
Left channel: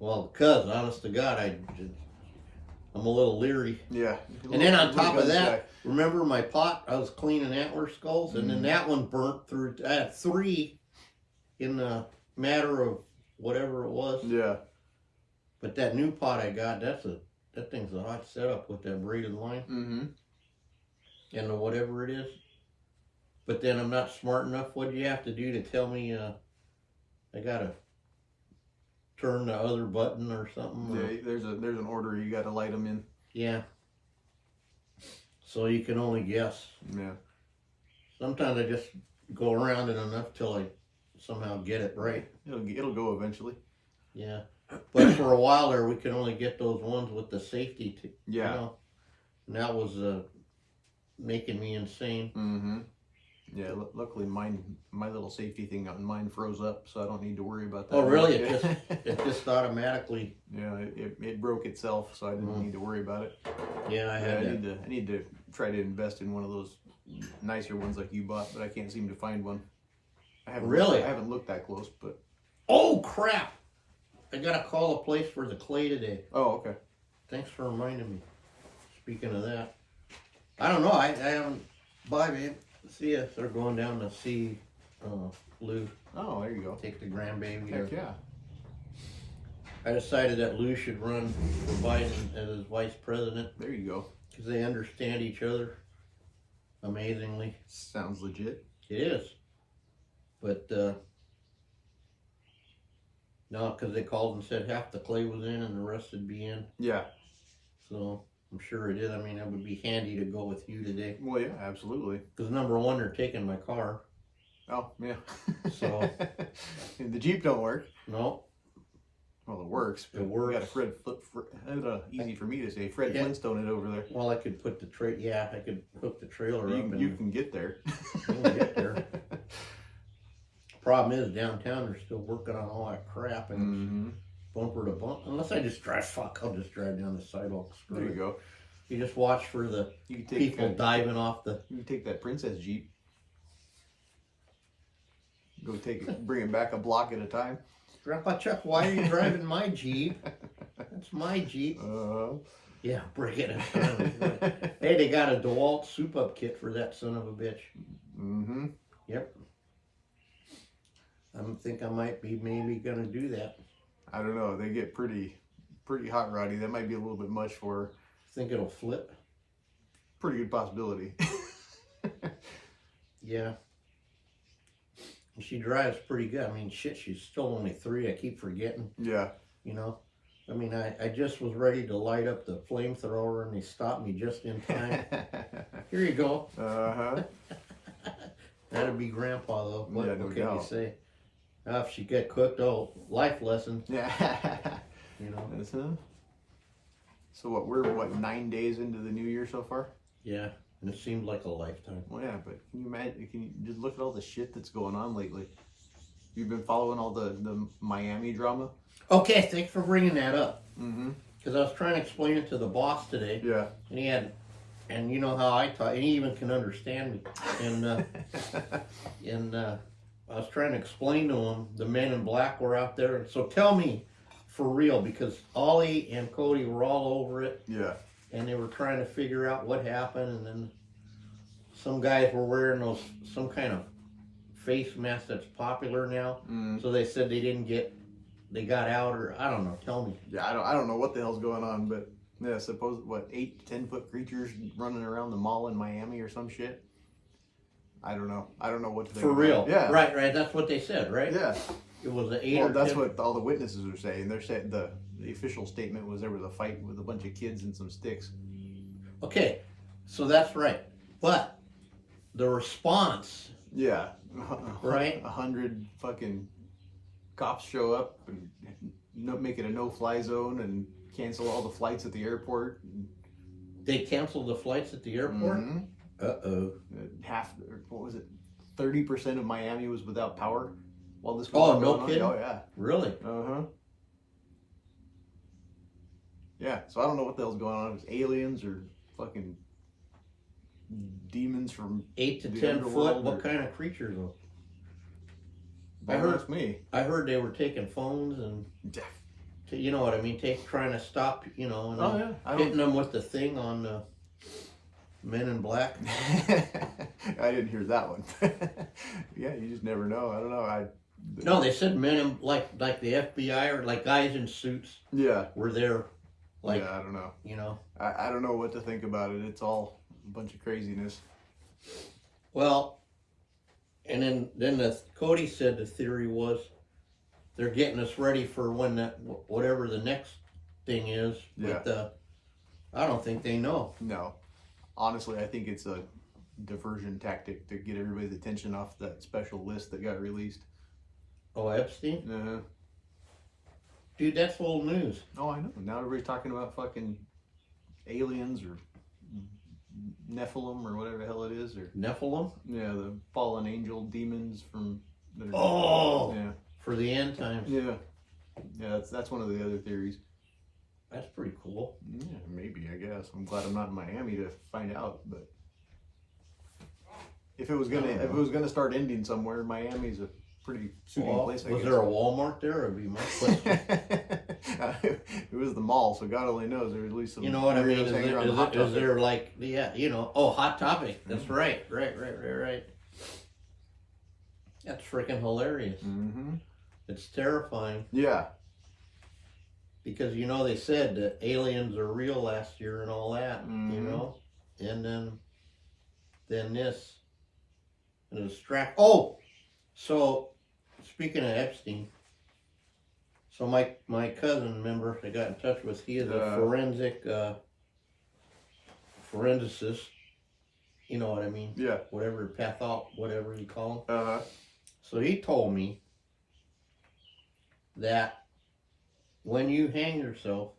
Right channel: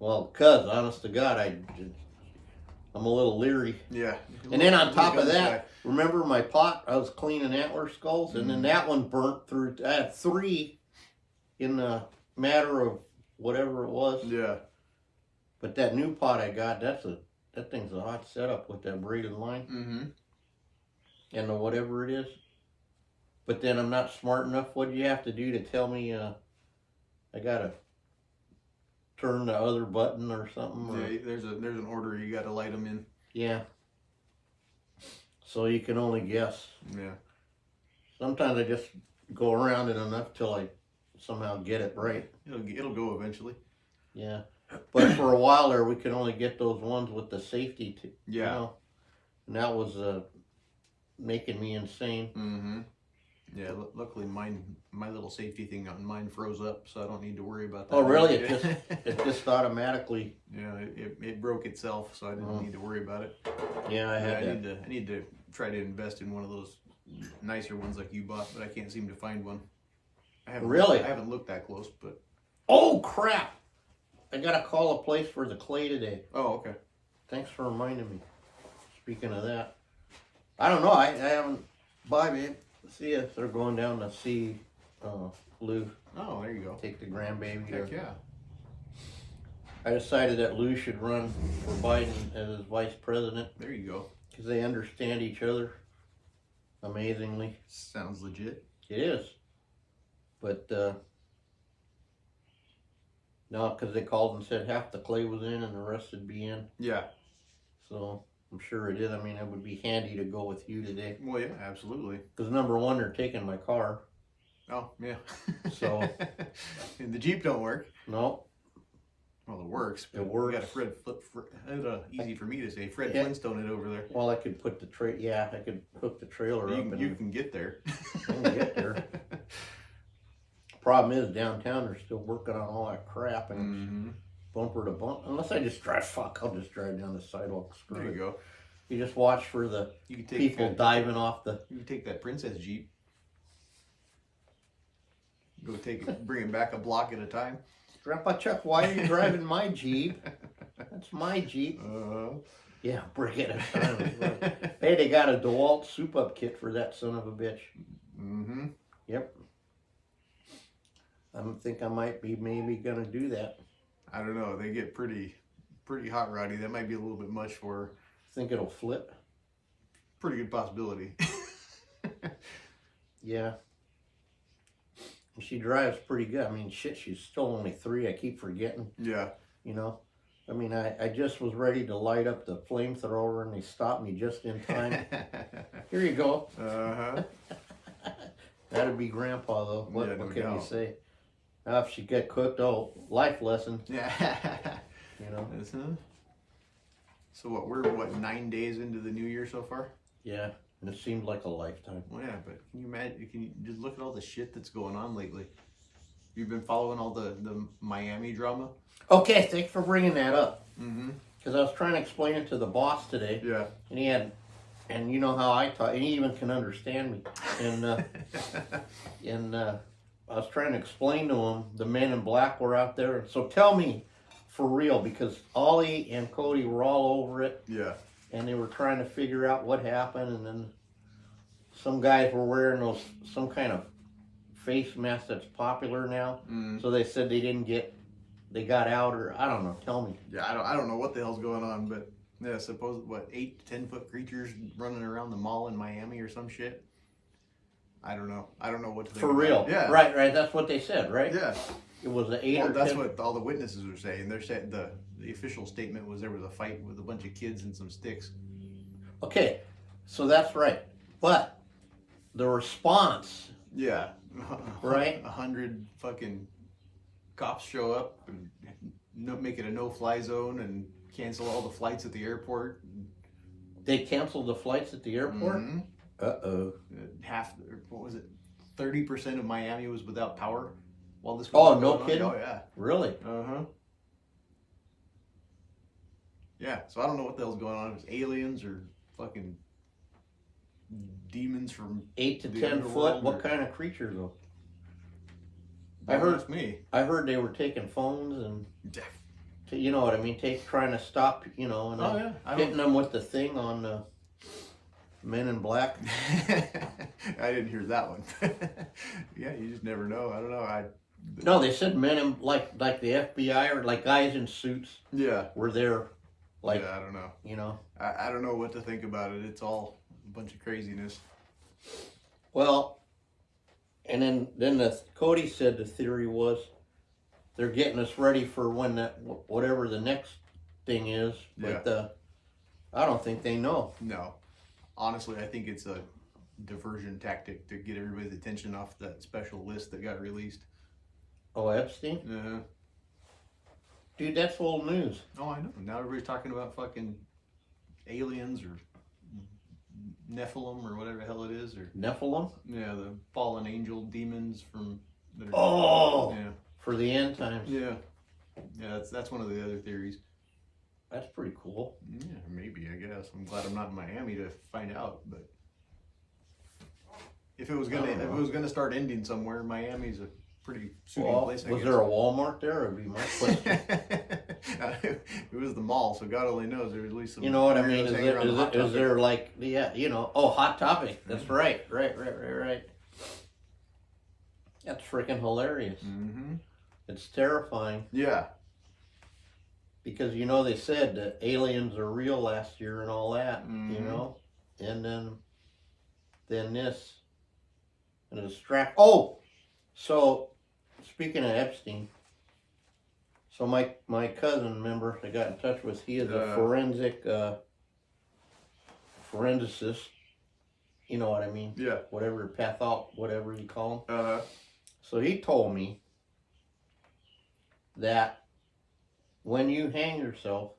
honest to God, I'm a little leery. Yeah. And then on top of that, remember my pot? I was cleaning antler skulls, and then that one burnt through. I had 3 in the matter of whatever it was. Yeah. But that new pot I got, that thing's a hot setup with that braided line. And the whatever it is. But then I'm not smart enough. What do you have to do to tell me I gotta turn the other button or something? Or? Yeah, there's an order you gotta light them in. Yeah. So you can only guess. Yeah. Sometimes I just go around it enough till I somehow get it right. It'll go eventually. Yeah. But for a while there, we could only get those ones with the safety. Yeah. You know? And that was making me insane. Yeah, luckily my little safety thing on mine froze up, so I don't need to worry about that. Oh, really? It just automatically. Yeah, it broke itself, so I didn't need to worry about it. Yeah, I need to try to invest in one of those nicer ones like you bought, but I can't seem to find one. I haven't looked that close, but. Oh crap! I gotta call a place for the clay today. Oh, okay. Thanks for reminding me. Speaking of that, I don't know. I haven't. Bye, babe. See ya. They're going down to see Lou. Oh, there you go. Take the grandbaby. Heck yeah. I decided that Lou should run for Biden as his vice president. There you go. Because they understand each other amazingly. Sounds legit. It is. But No, because they called and said half the clay was in and the rest would be in. Yeah. So I'm sure it is. I mean, it would be handy to go with you today. Well, yeah, absolutely. Because number one, they're taking my car. Oh, yeah. So and the Jeep don't work. No. Well, it works. It works. You got a easy for me to say. Fred Flintstone it over there. Well, I could put the I could hook the trailer up. You can get there. I can get there. Problem is, downtown they're still working on all that crap, and it's bumper to bumper. Unless I just drive, I'll just drive down the sidewalk straight. There you go. You just watch for the people diving off the. You can take that Princess Jeep. Go bring it back a block at a time. Grandpa Chuck, why are you driving my Jeep? That's my Jeep. Yeah, bring it. Hey, they got a DeWalt soup up kit for that son of a bitch. Mm-hmm. Yep. I think I might be maybe gonna do that. I don't know. They get pretty hot roddy. That might be a little bit much for her. Think it'll flip? Pretty good possibility. Yeah. She drives pretty good. I mean, shit, she's still only 3. I keep forgetting. Yeah. You know? I mean, I just was ready to light up the flamethrower and they stopped me just in time. Here you go. Uh-huh. That'd be Grandpa, though. What can you say? If she get cooked, life lesson. Yeah. You know? So we're 9 days into the new year so far? Yeah. And it seemed like a lifetime. Well, yeah, but can you imagine? Can you just look at all the shit that's going on lately? You've been following all the Miami drama? Okay, thanks for bringing that up. Mm-hmm. Because I was trying to explain it to the boss today. Yeah. And you know how I talk, and he even can understand me. And I was trying to explain to him the men in black were out there. So tell me, for real, because Ollie and Cody were all over it. Yeah. And they were trying to figure out what happened, and then some guys were wearing some kind of face mask that's popular now. So they said they got out, or I don't know. Tell me. Yeah, I don't know what the hell's going on, but yeah, suppose 8 to 10 foot creatures running around the mall in Miami or some shit. I don't know what to think. For real. Yeah. Right. That's what they said, right? Yeah. It was an 8 or 10. That's what all the witnesses are saying. They're saying the official statement was there was a fight with a bunch of kids and some sticks. Okay, so that's right. But the response. Yeah. Right? 100 fucking cops show up and make it a no-fly zone and cancel all the flights at the airport. They canceled the flights at the airport? Mm-hmm. Uh-oh. 30% of Miami was without power while this was going on. No kidding? Oh, yeah. Really? Uh-huh. Yeah, so I don't know what the hell's going on. If it's aliens or fucking demons from 8 to 10 foot? What kind of creatures, though? I heard they were taking phones and, you know what I mean, trying to stop, and hitting them with the thing on the Men in Black. I didn't hear that one. Yeah, you just never know. I don't know. No, they said men in like the FBI or like guys in suits. Yeah, were there. Like, yeah, I don't know. You know, I don't know what to think about it. It's all a bunch of craziness. Well, and then Cody said the theory was they're getting us ready for when whatever the next thing is. Yeah. But I don't think they know. No, honestly, I think it's a diversion tactic to get everybody's attention off that special list that got released. Oh, Epstein? Uh-huh. Dude, that's old news. Oh, I know. Now everybody's talking about fucking aliens or Nephilim or whatever the hell it is. Or Nephilim? Yeah, the fallen angel demons from... Yeah. For the end times. Yeah. Yeah, that's one of the other theories. That's pretty cool. Yeah, maybe, I guess. I'm glad I'm not in Miami to find out, but... If it was gonna start ending somewhere, Miami's a pretty suiting place, I guess. Was there a Walmart there? Would be my question. It was the mall, so God only knows. There was at least some. You know what I mean? Is there like, Hot Topic? That's right. That's freaking hilarious. Mm-hmm. It's terrifying. Yeah. Because they said that aliens are real last year and all that, Mm-hmm. and then this, and so speaking of Epstein, So my cousin, remember, I got in touch with, he is a forensicist, you know what I mean? Yeah. Whatever, whatever you call them. Uh-huh. So he told me that when you hang yourself,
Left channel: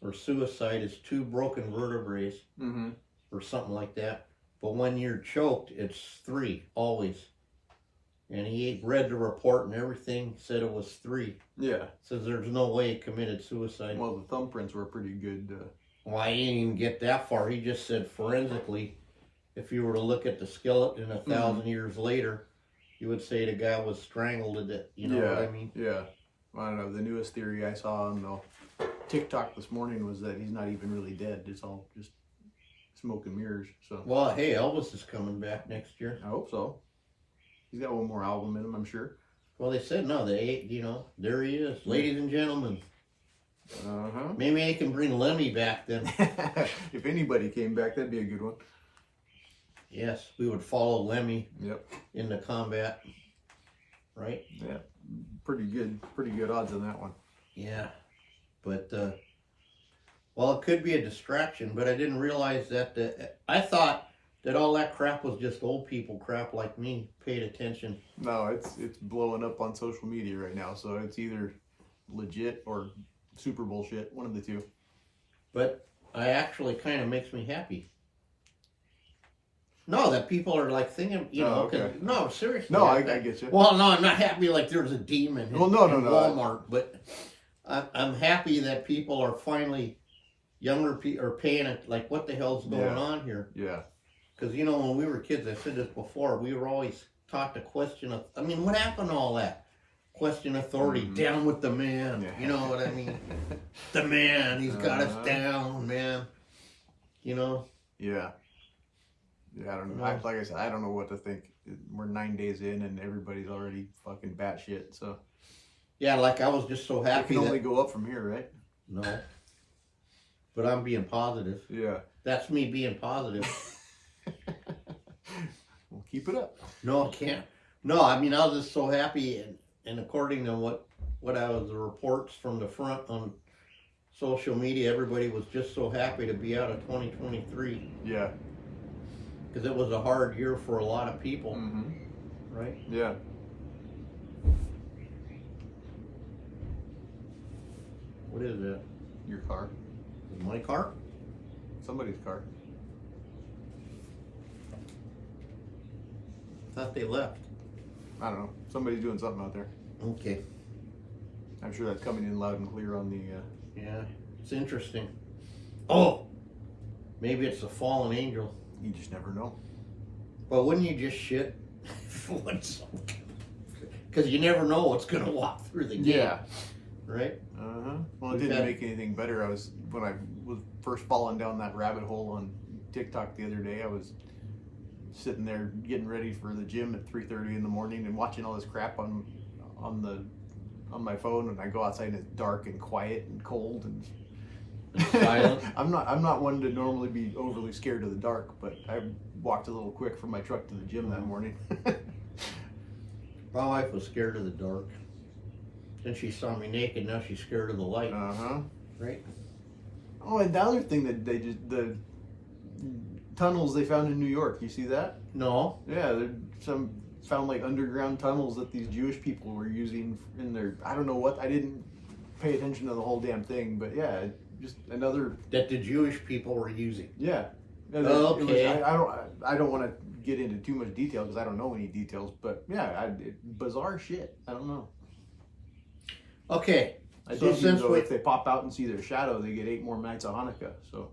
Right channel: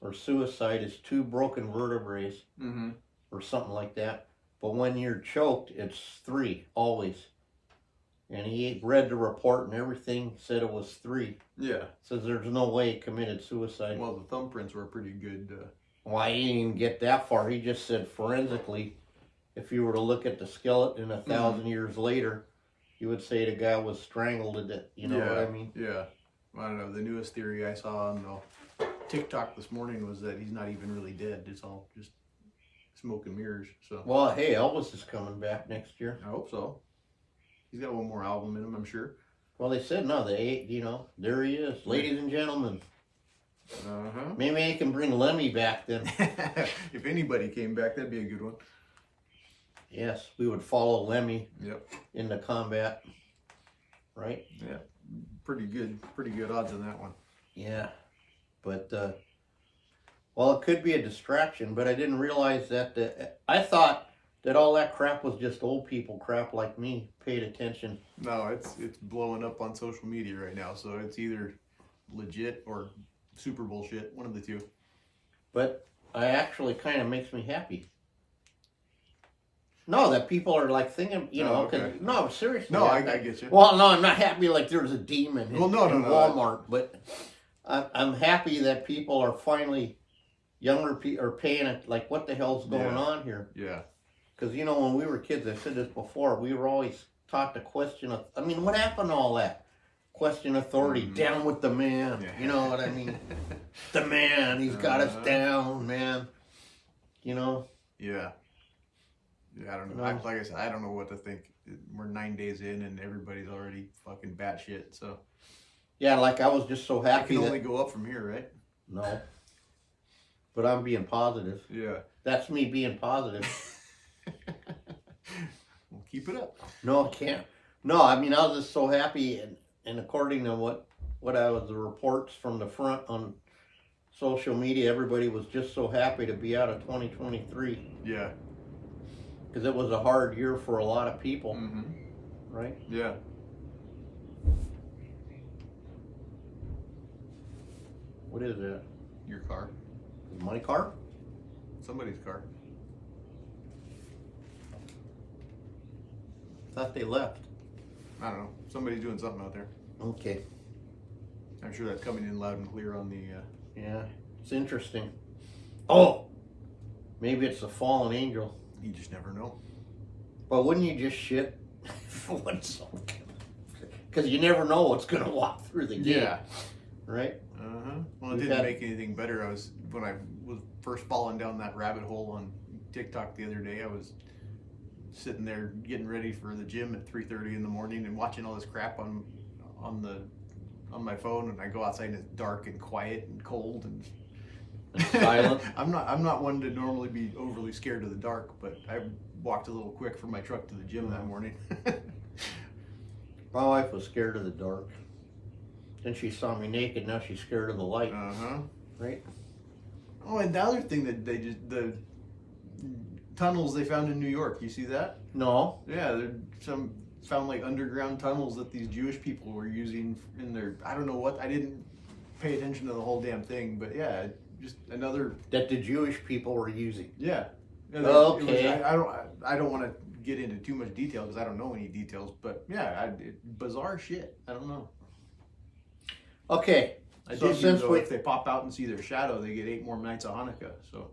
or suicide is 2 broken vertebrae, Mm-hmm. or something like that. But when you're choked, it's 3, always. And he read the report and everything, said it was 3. Yeah. Says there's no way he committed suicide. Well, the thumbprints were pretty good. Well, I didn't even get that far. He just said forensically, if you were to look at the skeleton 1,000 years later, you would say the guy was strangled to death. You know what I mean? Yeah. I don't know. The newest theory I saw on TikTok this morning was that he's not even really dead. It's all just smoke and mirrors. So. Well, hey, Elvis is coming back next year. I hope so. He's got one more album in him, I'm sure. Well, they said no. There he is, ladies and gentlemen. Uh-huh. Maybe they can bring Lemmy back then. If anybody came back, that'd be a good one. Yes, we would follow Lemmy. Yep. Into combat, right? Yeah, pretty good odds on that one. Yeah, but well, it could be a distraction, but I didn't realize that. I thought that all that crap was just old people crap like me. Paid attention. No, it's blowing up on social media right now, so it's either legit or super bullshit, one of the two. But I actually kind of makes me happy. No, that people are like thinking, okay. No, seriously. No, I get you. Well, no, I'm not happy like there's a demon in Walmart, but I'm happy that people are finally, younger people are paying it, like what the hell's going on here? Yeah. Because, when we were kids, I said this before, we were always taught to question, what happened to all that? Question authority, down with the man, you know what I mean? The man, he's got us down, man, Yeah. Yeah, I don't know. Like I said, I don't know what to think. We're 9 days in and everybody's already fucking batshit, so. Yeah, like I was just so happy. It can only go up from here, right? No. But I'm being positive. Yeah. That's me being positive. Well, keep it up. No, I can't. No, I was just so happy, and according to what the reports from the front on social media, everybody was just so happy to be out of 2023. Yeah. Because it was a hard year for a lot of people, right? Yeah. What is that? Your car. My car? Somebody's car. Thought they left. I don't know. Somebody's doing something out there. Okay. I'm sure that's coming in loud and clear on the... Yeah, it's interesting. Oh! Maybe it's a fallen angel. You just never know. But wouldn't you just shit? Because you never know what's going to walk through the gate. Yeah. Right? Well, it didn't make anything better. When I was first falling down that rabbit hole on TikTok the other day, I was sitting there getting ready for the gym at 3:30 in the morning and watching all this crap on my phone, and I go outside and it's dark and quiet and cold and silent. I'm not one to normally be overly scared of the dark, but I walked a little quick from my truck to the gym that morning. My wife was scared of the dark. Then she saw me naked, now she's scared of the light. Right? Oh, and the other thing that the tunnels they found in New York, you see that? No. Yeah, found like underground tunnels that these Jewish people were using in their, I don't know what, I didn't pay attention to the whole damn thing, but yeah, just another. That the Jewish people were using. Yeah. Okay. I don't want to get into too much detail because I don't know any details, but yeah, bizarre shit. I don't know. Okay. I did hear though, if they pop out and see their shadow, they get 8 more nights of Hanukkah. So.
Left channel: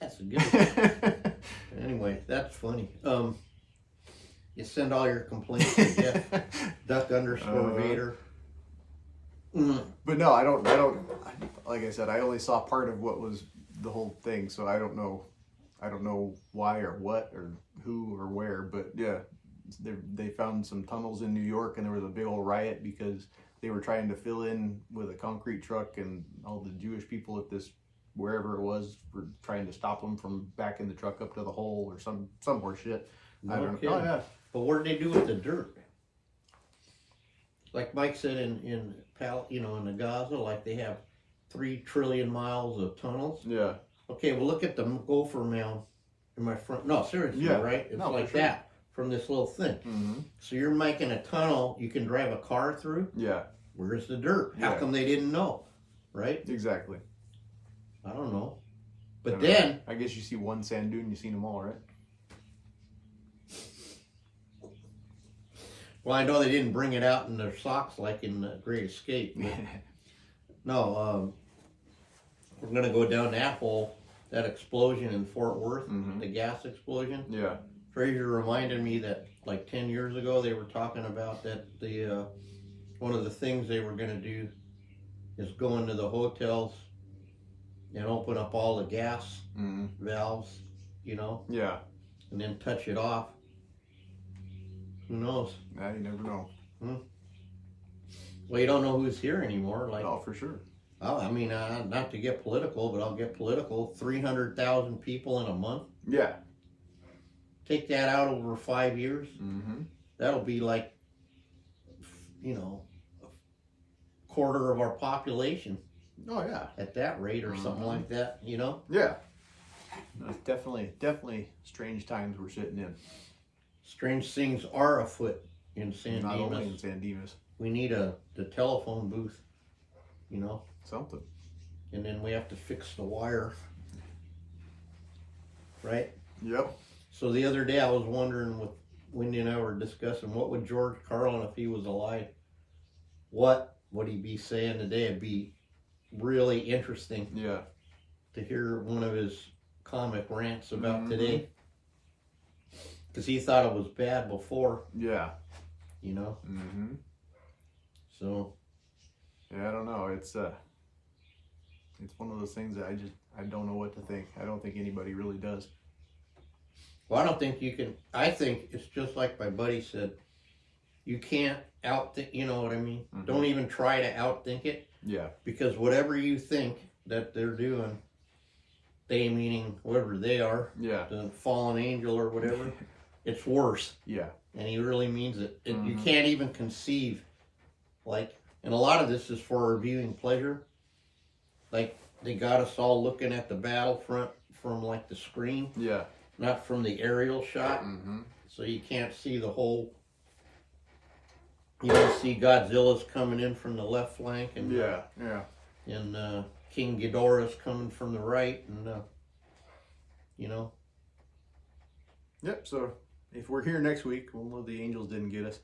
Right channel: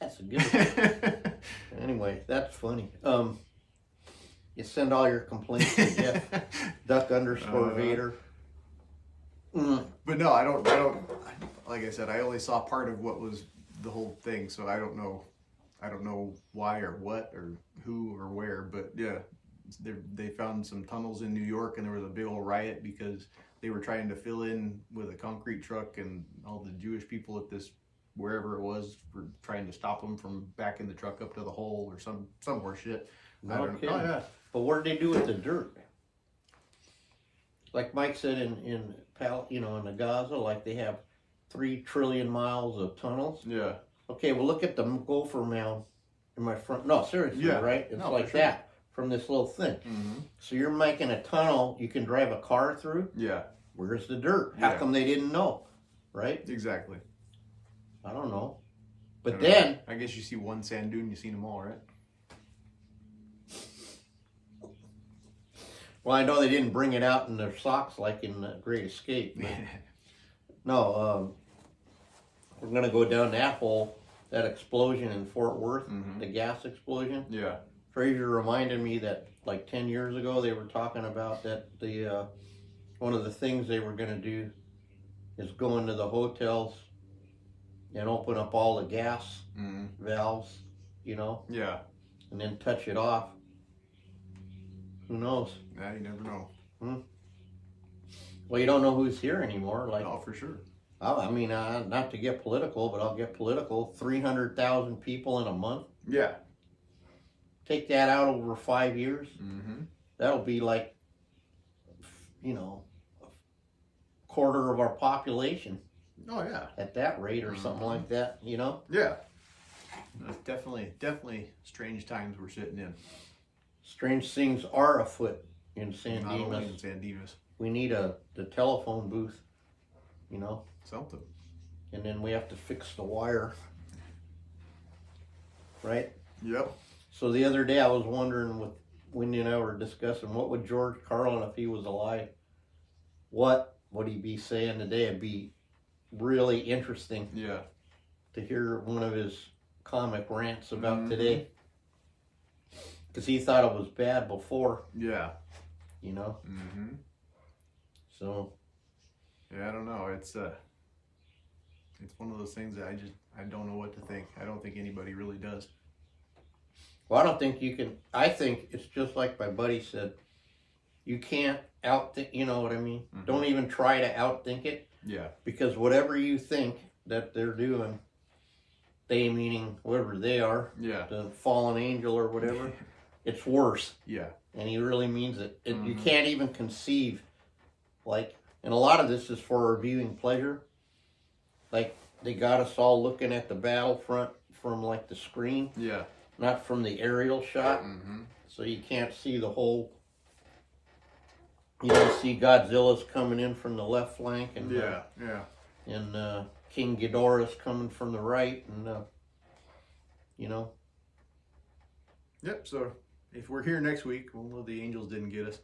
That's a good one. Anyway, that's funny. You send all your complaints to Jeff Duck_Vader. But no, I don't. Like I said, I only saw part of what was the whole thing, so I don't know why or what or who or where. But yeah, they found some tunnels in New York, and there was a big old riot because they were trying to fill in with a concrete truck, and all the Jewish people at this wherever it was were trying to stop them from backing the truck up to the hole or some horse shit. I don't Okay. know. Oh, yeah. But what did they do with the dirt? Like Mike said in the Gaza, like they have 3 trillion miles of tunnels. Yeah. Okay, well look at the gopher mound in my front. No, seriously, Yeah. right? It's No, like for sure. that from this little thing. Mm-hmm. So you're making a tunnel you can drive a car through. Yeah. Where's the dirt? How Yeah. come they didn't know? Right? Exactly. I don't know. But I don't then know. I guess you see one sand dune, you've seen them all, right? well, I know they didn't bring it out in their socks like in the Great Escape. But no, we're gonna go down that hole. That explosion in Fort Worth, Mhm. the gas explosion. Yeah. Fraser reminded me that like 10 years ago they were talking about that the one of the things they were gonna do is go into the hotels and open up all the gas Mm-hmm. valves, Yeah. and then touch it off. Who knows? Yeah, you never know. Well, you don't know who's here anymore. Like, Oh, for sure. I mean, not to get political, but I'll get political. 300,000 people in a month. Yeah. Take that out over 5 years. Mm-hmm. That'll be like, a quarter of our population Oh, yeah. at that rate, or something like that. Yeah. No, it's definitely strange times we're sitting in. Strange things are afoot in San Not only in Dimas. San Dimas. We need the telephone booth, Something. and then we have to fix the wire, right? Yep. So the other day I was wondering, with Wendy and I were discussing, what would George Carlin, if he was alive, what would he be saying today? It'd be really interesting Yeah. to hear one of his comic rants about Mhm. today, because he thought it was bad before, Yeah. Mm-hmm. So Yeah, I don't know. It's one of those things that I don't know what to think. I don't think anybody really does. well, I don't think you can. I think it's just like my buddy said. You can't outthink. You know what I mean? Mhm. Don't even try to outthink it, Yeah. because whatever you think that they're doing, they meaning whatever they are, Yeah. the fallen angel or whatever, it's worse. Yeah. And he really means it. You Mhm. can't even conceive, and a lot of this is for our viewing pleasure. Like, they got us all looking at the battlefront from like the screen, Yeah. not from the aerial shot, Mm-hmm. so you can't see the whole. You don't see Godzilla's coming in from the left flank, and Yeah. Yeah. and King Ghidorah's coming from the right, and Yep. So if we're here next week, we'll know the angels didn't get us.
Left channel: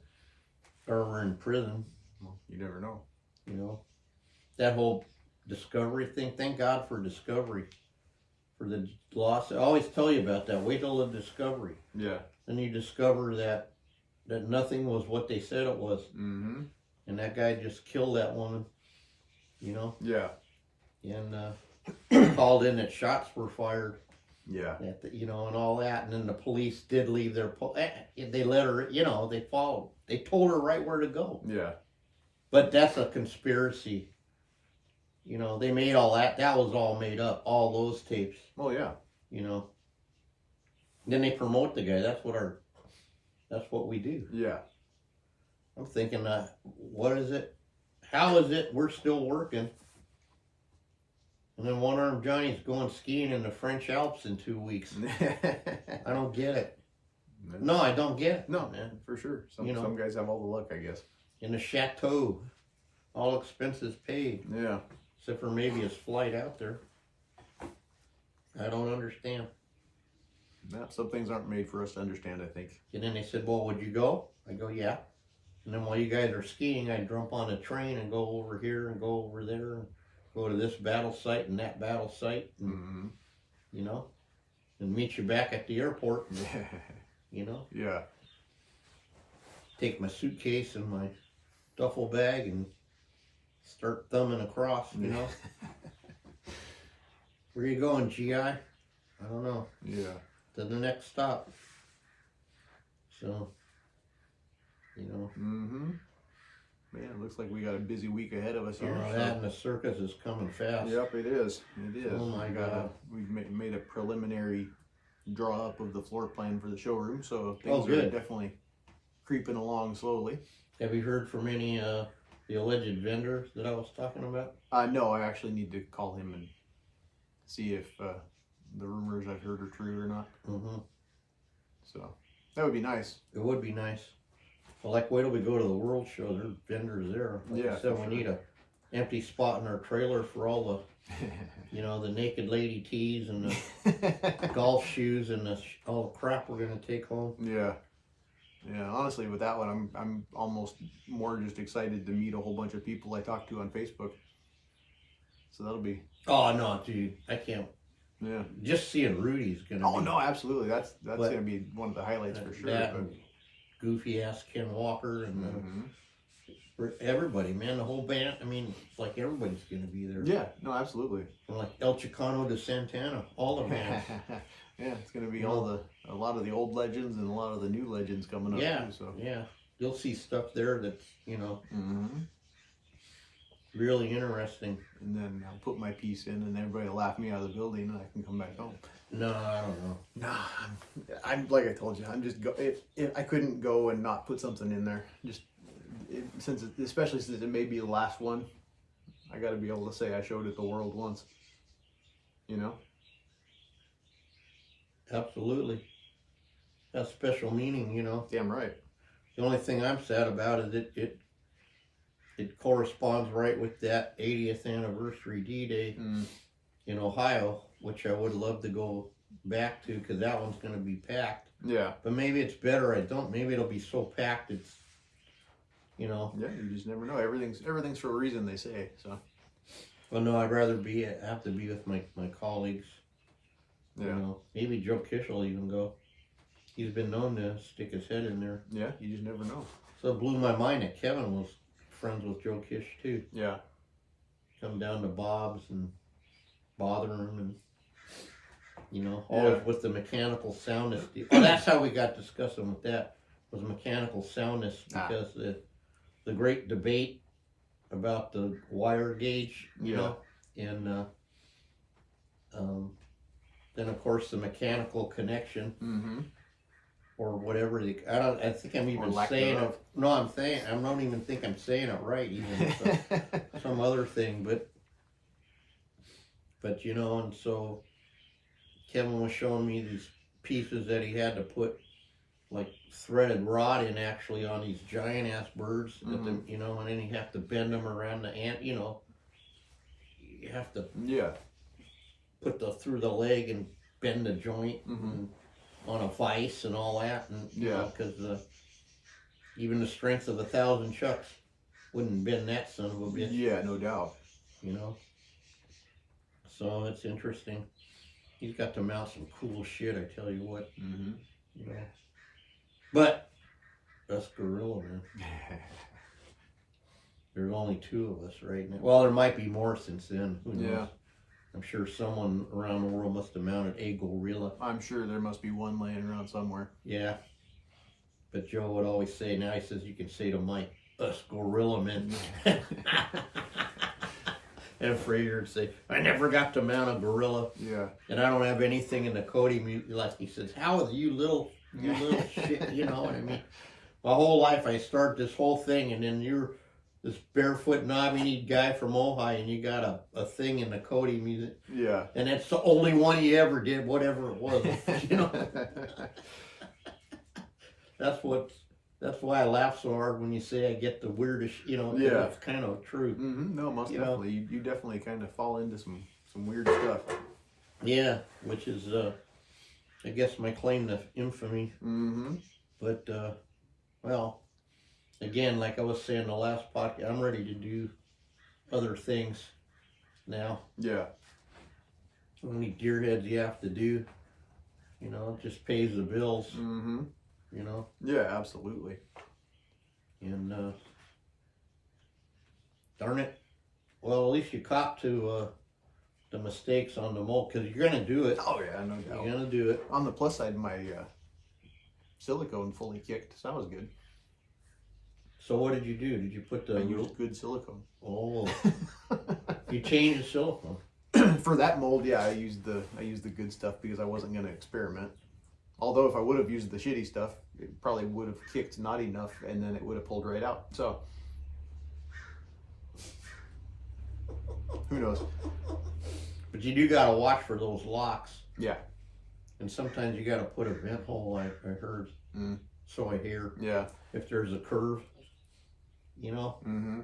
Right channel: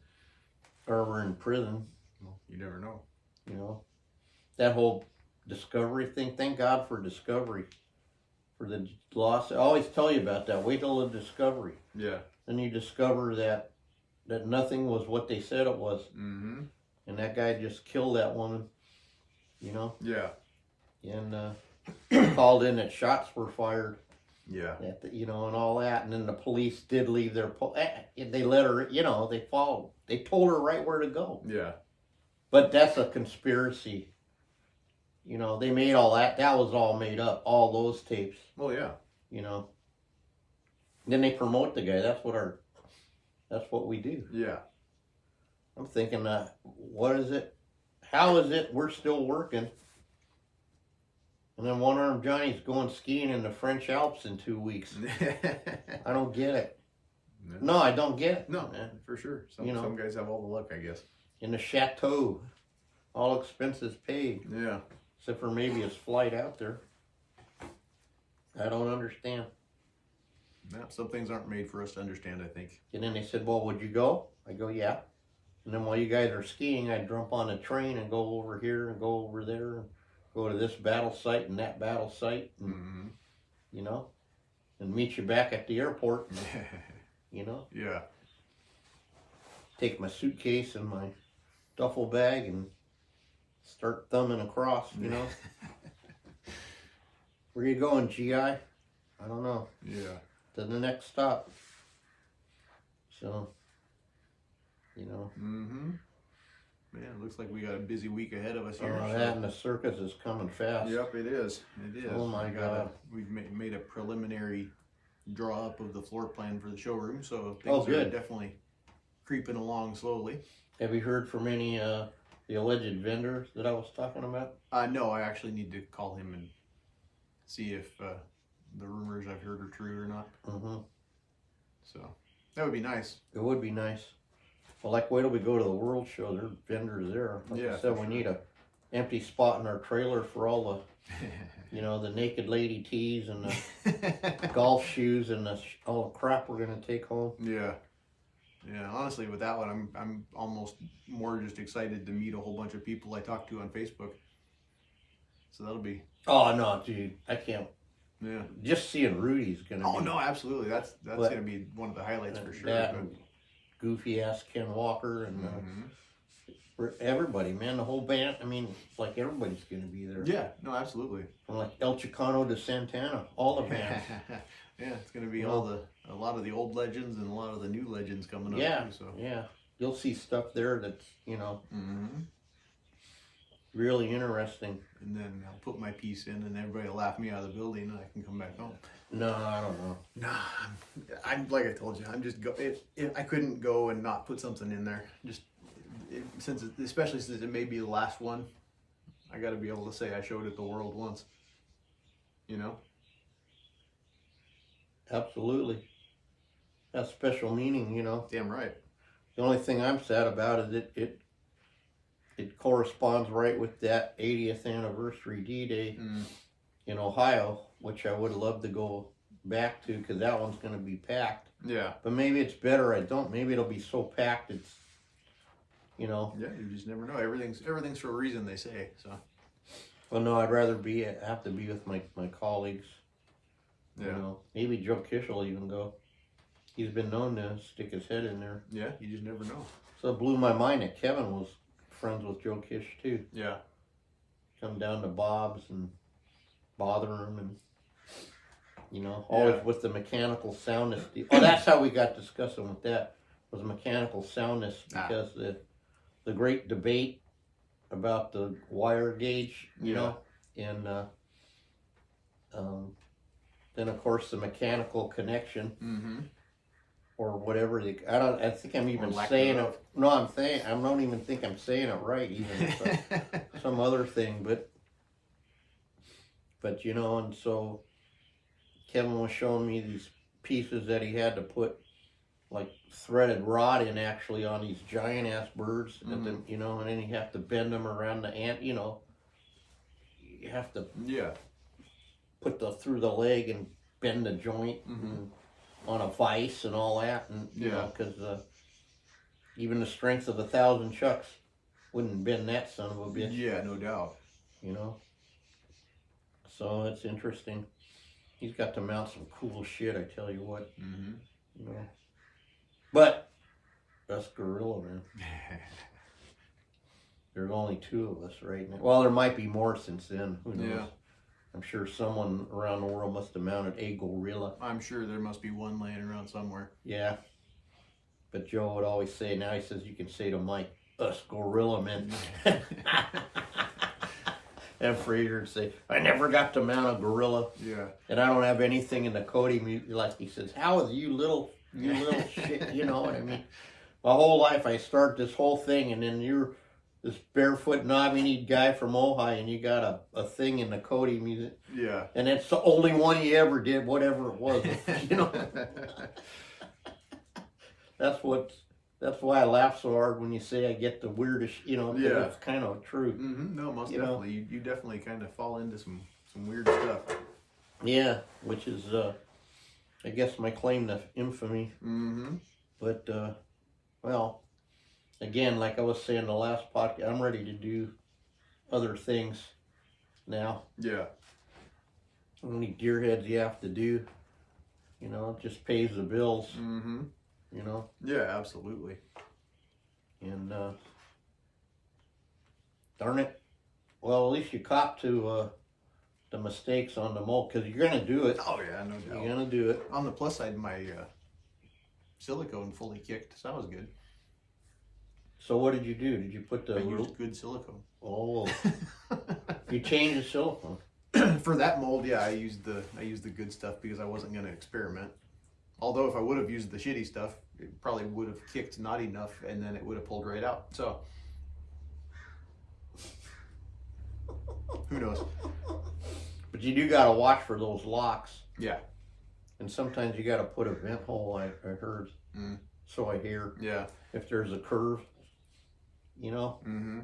or we're in prison. Well, you never know. That whole Discovery thing. Thank God for Discovery, for the loss. I always tell you about that. Wait till the Discovery. Yeah. Then you discover that nothing was what they said it was, Mm-hmm. and that guy just killed that woman. Yeah. And called in that shots were fired. Yeah. And all that, and then the police did leave their. They let her. They followed. They told her right where to go. Yeah. But that's a conspiracy. They made all that. That was all made up. All those tapes. Oh yeah. Then they promote the guy. That's what we do. Yeah. I'm thinking, what is it? How is it we're still working? And then One Armed Johnny's going skiing in the French Alps in 2 weeks. I don't get it. No, I don't get it. No, man. for sure. Some guys have all the luck, I guess. In the chateau, all expenses paid, Yeah. except for maybe his flight out there. I don't understand. No, some things aren't made for us to understand, I think. And then they said, well, would you go? I go, yeah. And then while you guys are skiing, I jump on a train and go over here and go over there and go to this battle site and that battle site, and, Mm-hmm. and meet you back at the airport, Yeah. take my suitcase and my duffel bag and start thumbing across, Where you going, GI? I don't know. Yeah. To the next stop. So, Mm-hmm. Man, it looks like we got a busy week ahead of us here. that and the circus is coming fast. Yep, it is. It is. Oh my God. We've made a preliminary draw up of the floor plan for the showroom, so Oh, things are good. definitely creeping along slowly. Have you heard from any the alleged vendor that I was talking about? No, I actually need to call him and see if the rumors I've heard are true or not. Mm-hmm. So that would be nice. It would be nice. Well, like, wait till we go to the World Show. There are vendors there. Like Yeah, I said, for we need a empty spot in our trailer for all the, the naked lady tees and the golf shoes and all the crap we're gonna take home. Yeah. Yeah, honestly, with that one, I'm almost more just excited to meet a whole bunch of people I talked to on Facebook. So that'll be. Oh no, dude, I can't. Yeah. Just seeing Rudy's gonna. Oh be, no, absolutely. That's gonna be one of the highlights for sure. That and goofy ass Ken Walker and everybody, man, the whole band. I mean, like everybody's gonna be there. Yeah. No, absolutely. From like El Chicano to Santana, all the bands. Yeah, it's gonna be a lot of the old legends and a lot of the new legends coming up. Yeah, too, so. yeah. You'll see stuff there that's Mm-hmm. really interesting. And then I'll put my piece in, and everybody will laugh me out of the building, and I can come back home. No, I don't know. Nah, I'm like I told you, I'm just I couldn't go and not put something in there. Especially since it may be the last one, I got to be able to say I showed it the world once. You know. Absolutely. That's special meaning, Damn right. The only thing I'm sad about is it corresponds right with that 80th anniversary D-Day in Ohio, which I would love to go back to because that one's going to be packed. Yeah. But maybe it's better I don't. Maybe it'll be so packed it's, Yeah, you just never know. Everything's for a reason, they say. So. Well, no, I'd rather have to be with my colleagues. Yeah. Maybe Joe Kish will even go. He's been known to stick his head in there. Yeah, you just never know. So it blew my mind that Kevin was friends with Joe Kish too. Yeah. Come down to Bob's and bother him and, always with the mechanical soundness. Oh, that's how we got discussing with that, was mechanical soundness, because the great debate about the wire gauge, you know, and then of course the mechanical connection, or whatever. I think I'm even saying it. No, I don't even think I'm saying it right. Even some other thing, but and so Kevin was showing me these pieces that he had to put like threaded rod in actually on these giant ass birds, and then and then you have to bend them around the ant. You have to put through the leg and bend the joint on a vise and all that, and because even the strength of 1,000 chucks wouldn't bend that son of a bitch. Yeah, no doubt. So it's interesting. He's got to mount some cool shit, I tell you what. But that's gorilla, man. There's only 2 of us right now. Well, there might be more since then. Who knows? Yeah. I'm sure someone around the world must have mounted a gorilla. I'm sure there must be one laying around somewhere. Yeah. But Joe would always say, now he says you can say to Mike, us gorilla men. And Fraser would say, I never got to mount a gorilla. Yeah. And I don't have anything in the Cody, like he says, how is you little shit, you know what I mean? My whole life I start this whole thing, and then you're this barefoot knobbly guy from Ojai, and you got a thing in the Cody music. Yeah. And it's the only one you ever did, whatever it was. That's why I laugh so hard when you say I get the weirdest, Yeah. It's kind of true. No, most definitely. You definitely kind of fall into some weird stuff. Yeah, which is, I guess, my claim to infamy. But, well, again, like I was saying the last podcast, I'm ready to do other things now. Yeah. How many deer heads you have to do, it just pays the bills. Yeah, absolutely. And, darn it, well, at least you cop to the mistakes on the mold, because you're going to do it. Oh, yeah, no doubt. You're going to do it. On the plus side, my silicone fully kicked, so that was good. So what did you do? Did you put the... I used good silicone. Oh. You changed the silicone. For that mold, yeah, I used the good stuff because I wasn't going to experiment. Although if I would have used the shitty stuff, it probably would have kicked not enough, and then it would have pulled right out. So who knows? But you do gotta watch for those locks. Yeah. And sometimes you gotta put a vent hole, I heard. So I hear. Yeah. If there's a curve, you know. Mm-hmm.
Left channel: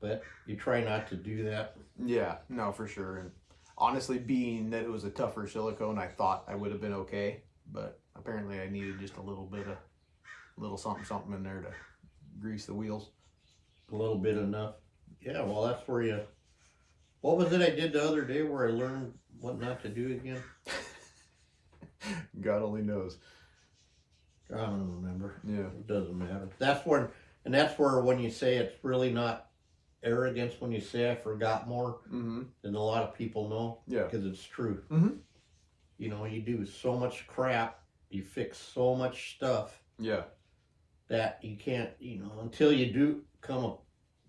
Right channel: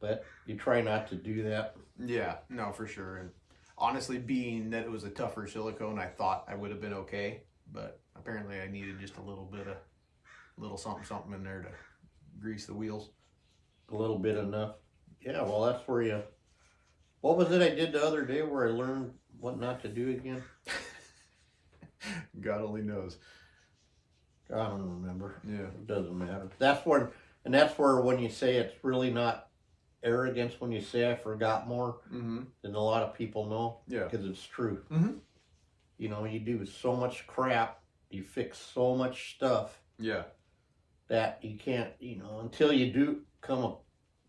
But you try not to do that. Yeah, no, for sure. And honestly, being that it was a tougher silicone, I thought I would have been okay. But apparently I needed just a little something in there to grease the wheels. A little bit enough. Yeah, well, that's where you... What was it I did the other day where I learned what not to do again? God only knows. I don't remember. Yeah. It doesn't matter. That's where when you say it's really not arrogance when you say I forgot more than a lot of people know. Yeah. Because it's true. Mm-hmm. You know, you do so much crap, you fix so much stuff. Yeah. That you can't, you know, until you do come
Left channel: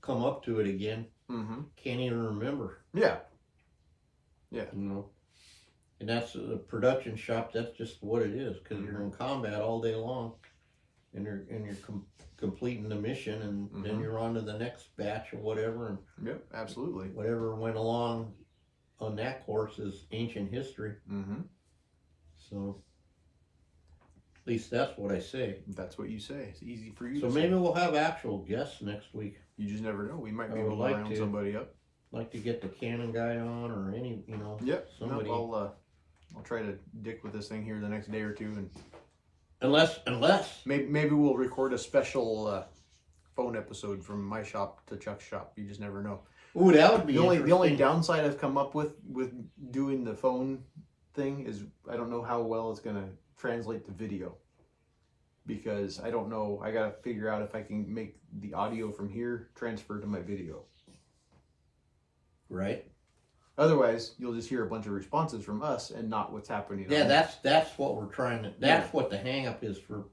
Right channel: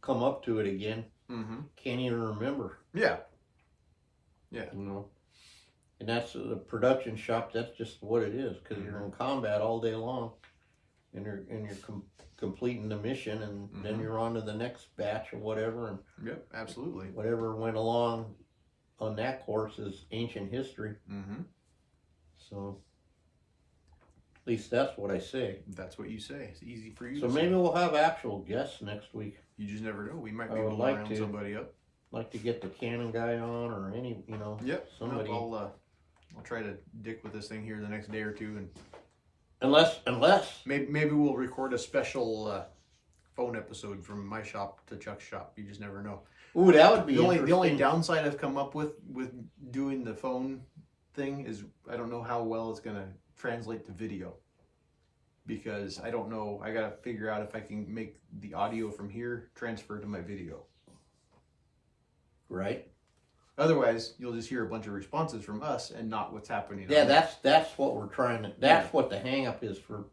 up to it again, can't even remember. Yeah. Yeah. You know, and that's the production shop. That's just what it is because you're in combat all day long, and you're completing the mission, and then you're on to the next batch or whatever. And yep, absolutely. Whatever went along on that course is ancient history. So. At least that's what I say. That's what you say. It's easy for you so to maybe say. we'll have actual guests next week. You just never know. We might I be able would to like round to. somebody up. Like to get the Canon guy on or any, you know. Yep. Somebody. No, I'll try to dick with this thing here the next day or two, and unless maybe we'll record a special phone episode from my shop to Chuck's shop. You just never know. Ooh, that would be the only downside I've come up with doing the phone thing is I don't know how well it's gonna translate to video, because I don't know. I gotta figure out if I can make the audio from here transfer to my video. Right. Otherwise, you'll just hear a bunch of responses from us and not what's happening. Yeah, that's what we're trying to. That's what the hang up is for.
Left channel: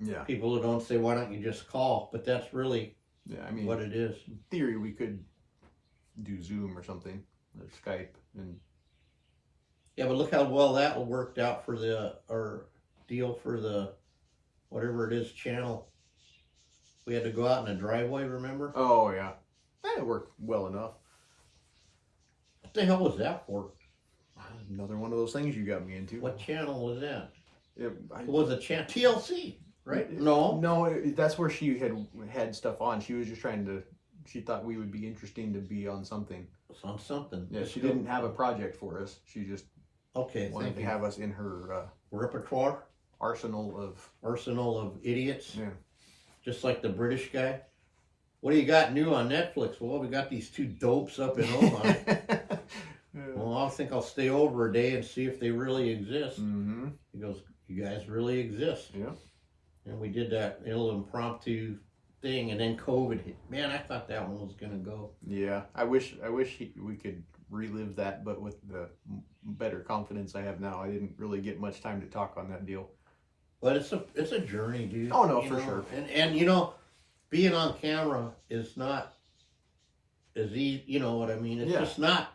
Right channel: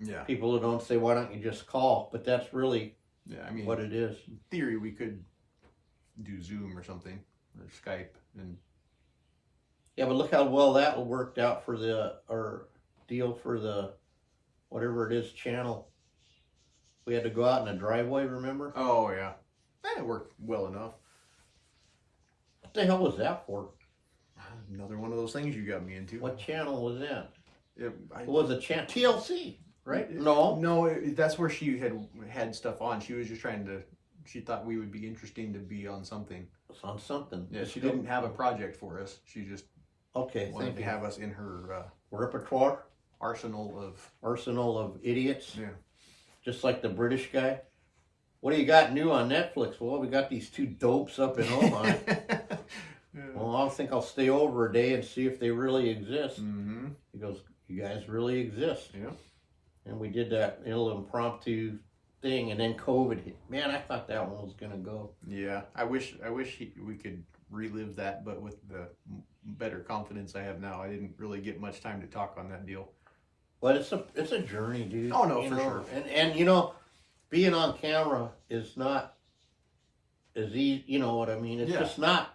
Yeah. People who don't say, "Why don't you just call?" But that's really. Yeah, I mean, what it is. In theory, we could do Zoom or something, or Skype, and. Yeah, but look how well that worked out for our deal for the, whatever it is, channel. We had to go out in the driveway, remember? Oh, yeah. That worked well enough. What the hell was that for? Another one of those things you got me into. What channel was that? It was a channel? TLC, right? No. No, that's where she had stuff on. She was just trying to, she thought we would be interesting to be on something. It's on something. Yeah, she didn't have a project for us. She just wanted to have us in her repertoire, arsenal of idiots. Yeah, just like the British guy. What do you got new on Netflix? Well, we got these two dopes up in Oman. Well, I think I'll stay over a day and see if they really exist. He goes, "You guys really exist." Yeah. And we did that little impromptu thing, and then COVID hit. Man, I thought that one was gonna go. Yeah, I wish we could relive that, but with the better confidence I have now, I didn't really get much time to talk on that deal. But it's a journey, dude. Oh no, for sure. And you know, being on camera is not as easy. You know what I mean? It's just not.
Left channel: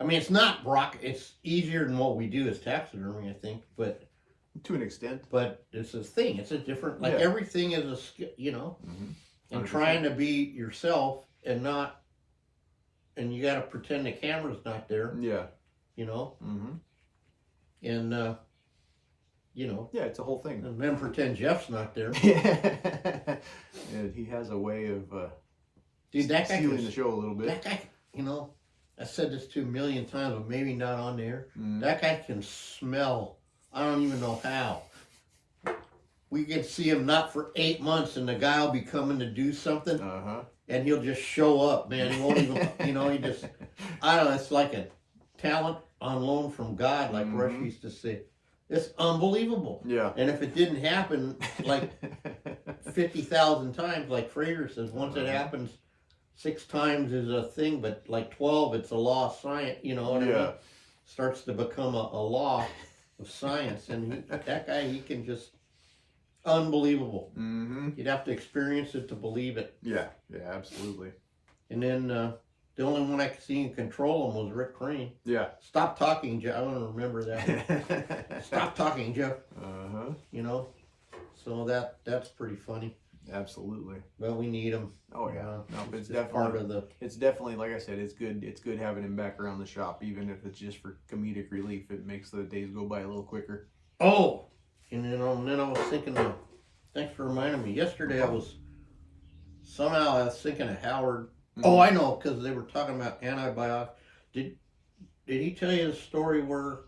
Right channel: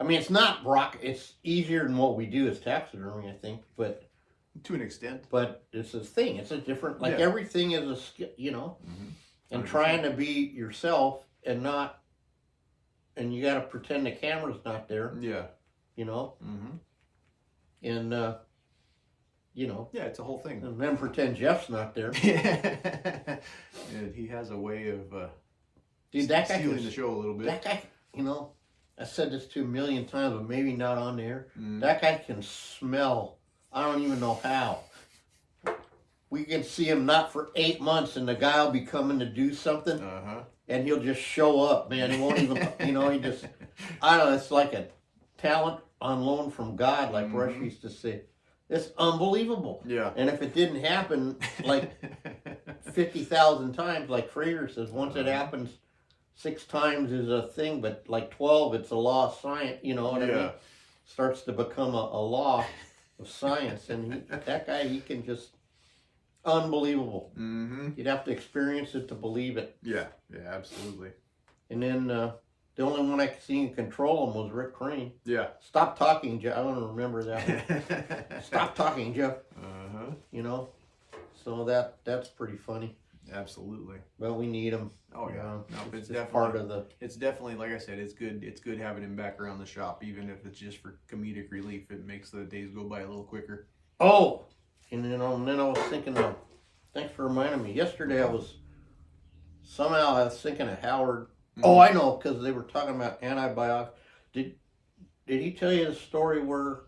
I mean, it's not it's easier than what we do as taxidermy, I think, but to an extent. But it's a thing. It's a different. Like everything is a skill, you know. And trying to be yourself and not. And you got to pretend the camera's not there. Yeah. You know. And you know. Yeah, it's a whole thing. And then pretend Jeff's not there. Yeah, he has a way of dude, that guy stealing the show a little bit. That guy, you know, I said this to 1,000,000 times, but maybe not on the air. That guy can smell. I don't even know how. We can see him not for 8 months, and the guy will be coming to do something, and he'll just show up, man. He won't even, you know, he just, I don't know, it's like a talent on loan from God, like Rush used to say. It's unbelievable. Yeah. And if it didn't happen like 50,000 times, like Fraser says, once it happens 6 times is a thing, but like 12, it's a law of science, you know what I mean? Starts to become a law of science. And that guy, he can just, unbelievable. You'd have to experience it to believe it. Yeah, absolutely. And then The only one I could see and control him was Rick Crane. Yeah. Stop talking, Jeff. I want to remember that. Stop talking, Jeff. Uh-huh. You know, so that's pretty funny. Absolutely. Well, we need him. Oh yeah. No, it's just definitely part of the. It's definitely, like I said, it's good. It's good having him back around the shop, even if it's just for comedic relief. It makes the days go by a little quicker. Oh, and then I was thinking of. Thanks for reminding me. Yesterday I was thinking of Howard. Mm-hmm. Oh, I know, because they were talking about antibiotics. Did he tell you the story where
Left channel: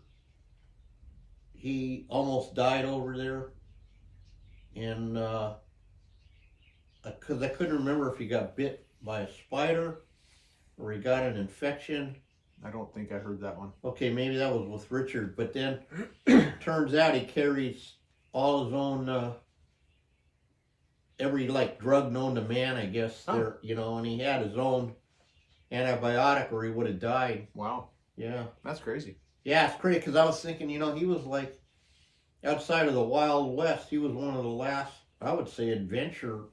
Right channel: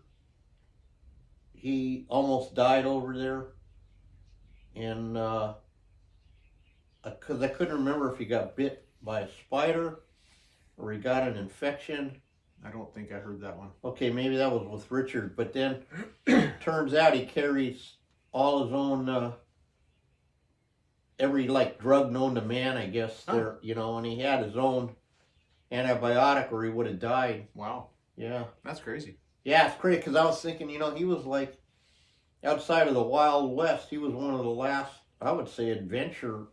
he almost died over there? And because I couldn't remember if he got bit by a spider or he got an infection. I don't think I heard that one. Okay, maybe that was with Richard. But then turns out he carries all his own every drug known to man, I guess. Oh. There, you know, and he had his own antibiotic or he would have died. Wow. Yeah. That's crazy. Yeah, it's crazy because I was thinking, you know, he was like outside of the Wild West. He was one of the last, I would say, adventure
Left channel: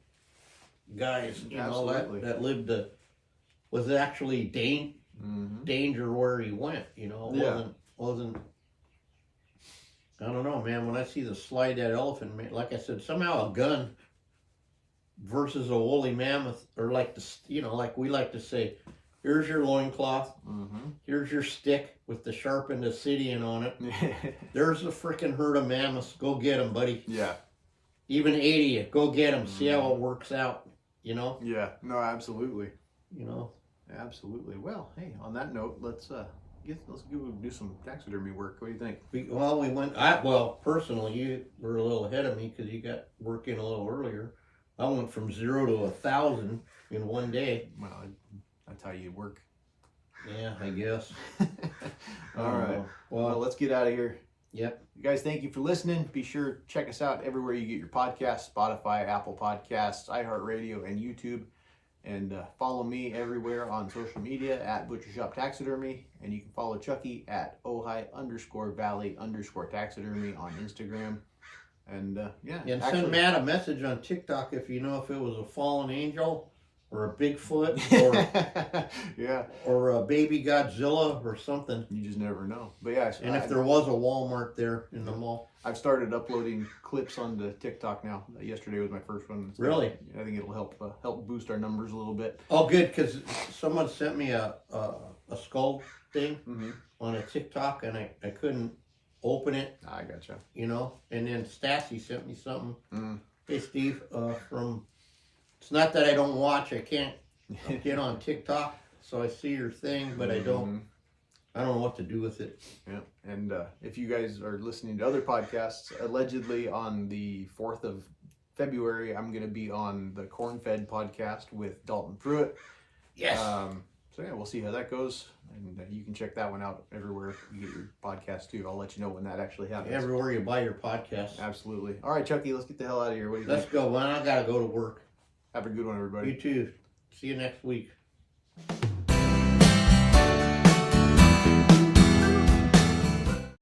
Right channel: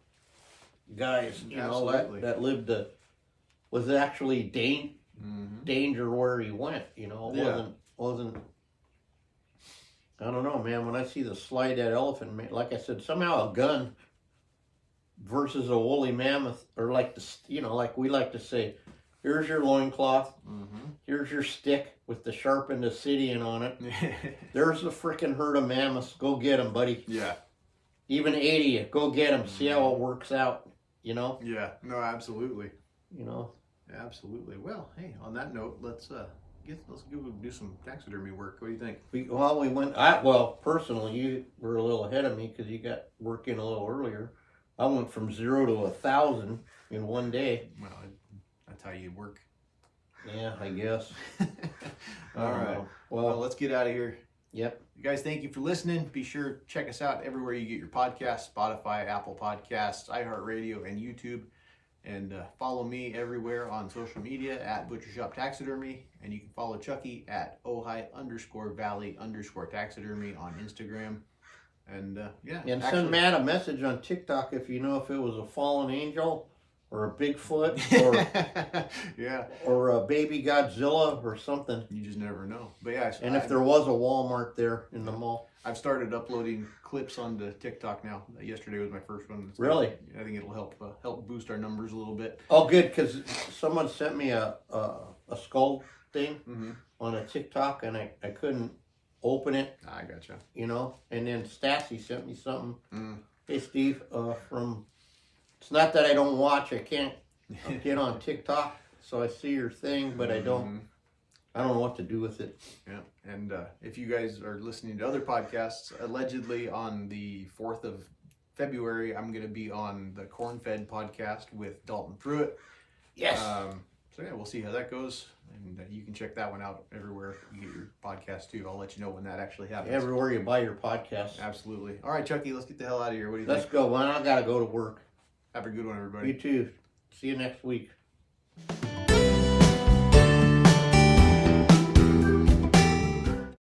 guys. You Absolutely. know, that lived was actually danger where he went. You know, it wasn't. I don't know, man. When I see the slide that elephant, like I said, somehow a gun versus a woolly mammoth, or like we like to say, here's your loincloth, here's your stick with the sharpened obsidian on it. There's a freaking herd of mammoths. Go get them, buddy. Yeah. Even 80 of you. Go get them. See how it works out. You know. Yeah. No, absolutely. You know. Absolutely. Well, hey, on that note, let's do some taxidermy work. What do you think? We went. Personally, you were a little ahead of me because you got work in a little earlier. I went from 0 to 1,000 in one day. Well, that's how you work. Yeah, I guess. All right. Well, let's get out of here. Yep. You guys, thank you for listening. Be sure to check us out everywhere you get your podcasts: Spotify, Apple Podcasts, iHeart Radio, and YouTube. And follow me everywhere on social media at Butcher Shop Taxidermy. And you can follow Chucky at Ojai_Valley_taxidermy on Instagram. And And send Matt a message on TikTok if you know if it was a fallen angel or a Bigfoot or or a baby Godzilla or something. You just never know. But yeah, and if there was a Walmart there in the mall. I've started uploading clips onto TikTok now. Yesterday was my first one. Really? I think it'll help boost our numbers a little bit. Oh, good, because someone sent me a skull thing on a TikTok, and I couldn't open it. I gotcha. You know, and then Stassi sent me something. Hey, Steve, it's not that I don't watch. I can't get on TikTok, so I see your thing, but I don't know what to do with it. Yeah, and if you guys are listening to other podcasts, allegedly on the 4th of February, I'm going to be on the Corn Fed podcast with Dalton Pruitt. Yes. So yeah, we'll see how that goes. And you can check that one out everywhere you get your podcast too. I'll let you know when that actually happens. Everywhere you buy your podcast. Absolutely. All right, Chucky, let's get the hell out of here. What do you think? Let's go. Well, I got to go to work. Have a good one, everybody. You too. See you next week.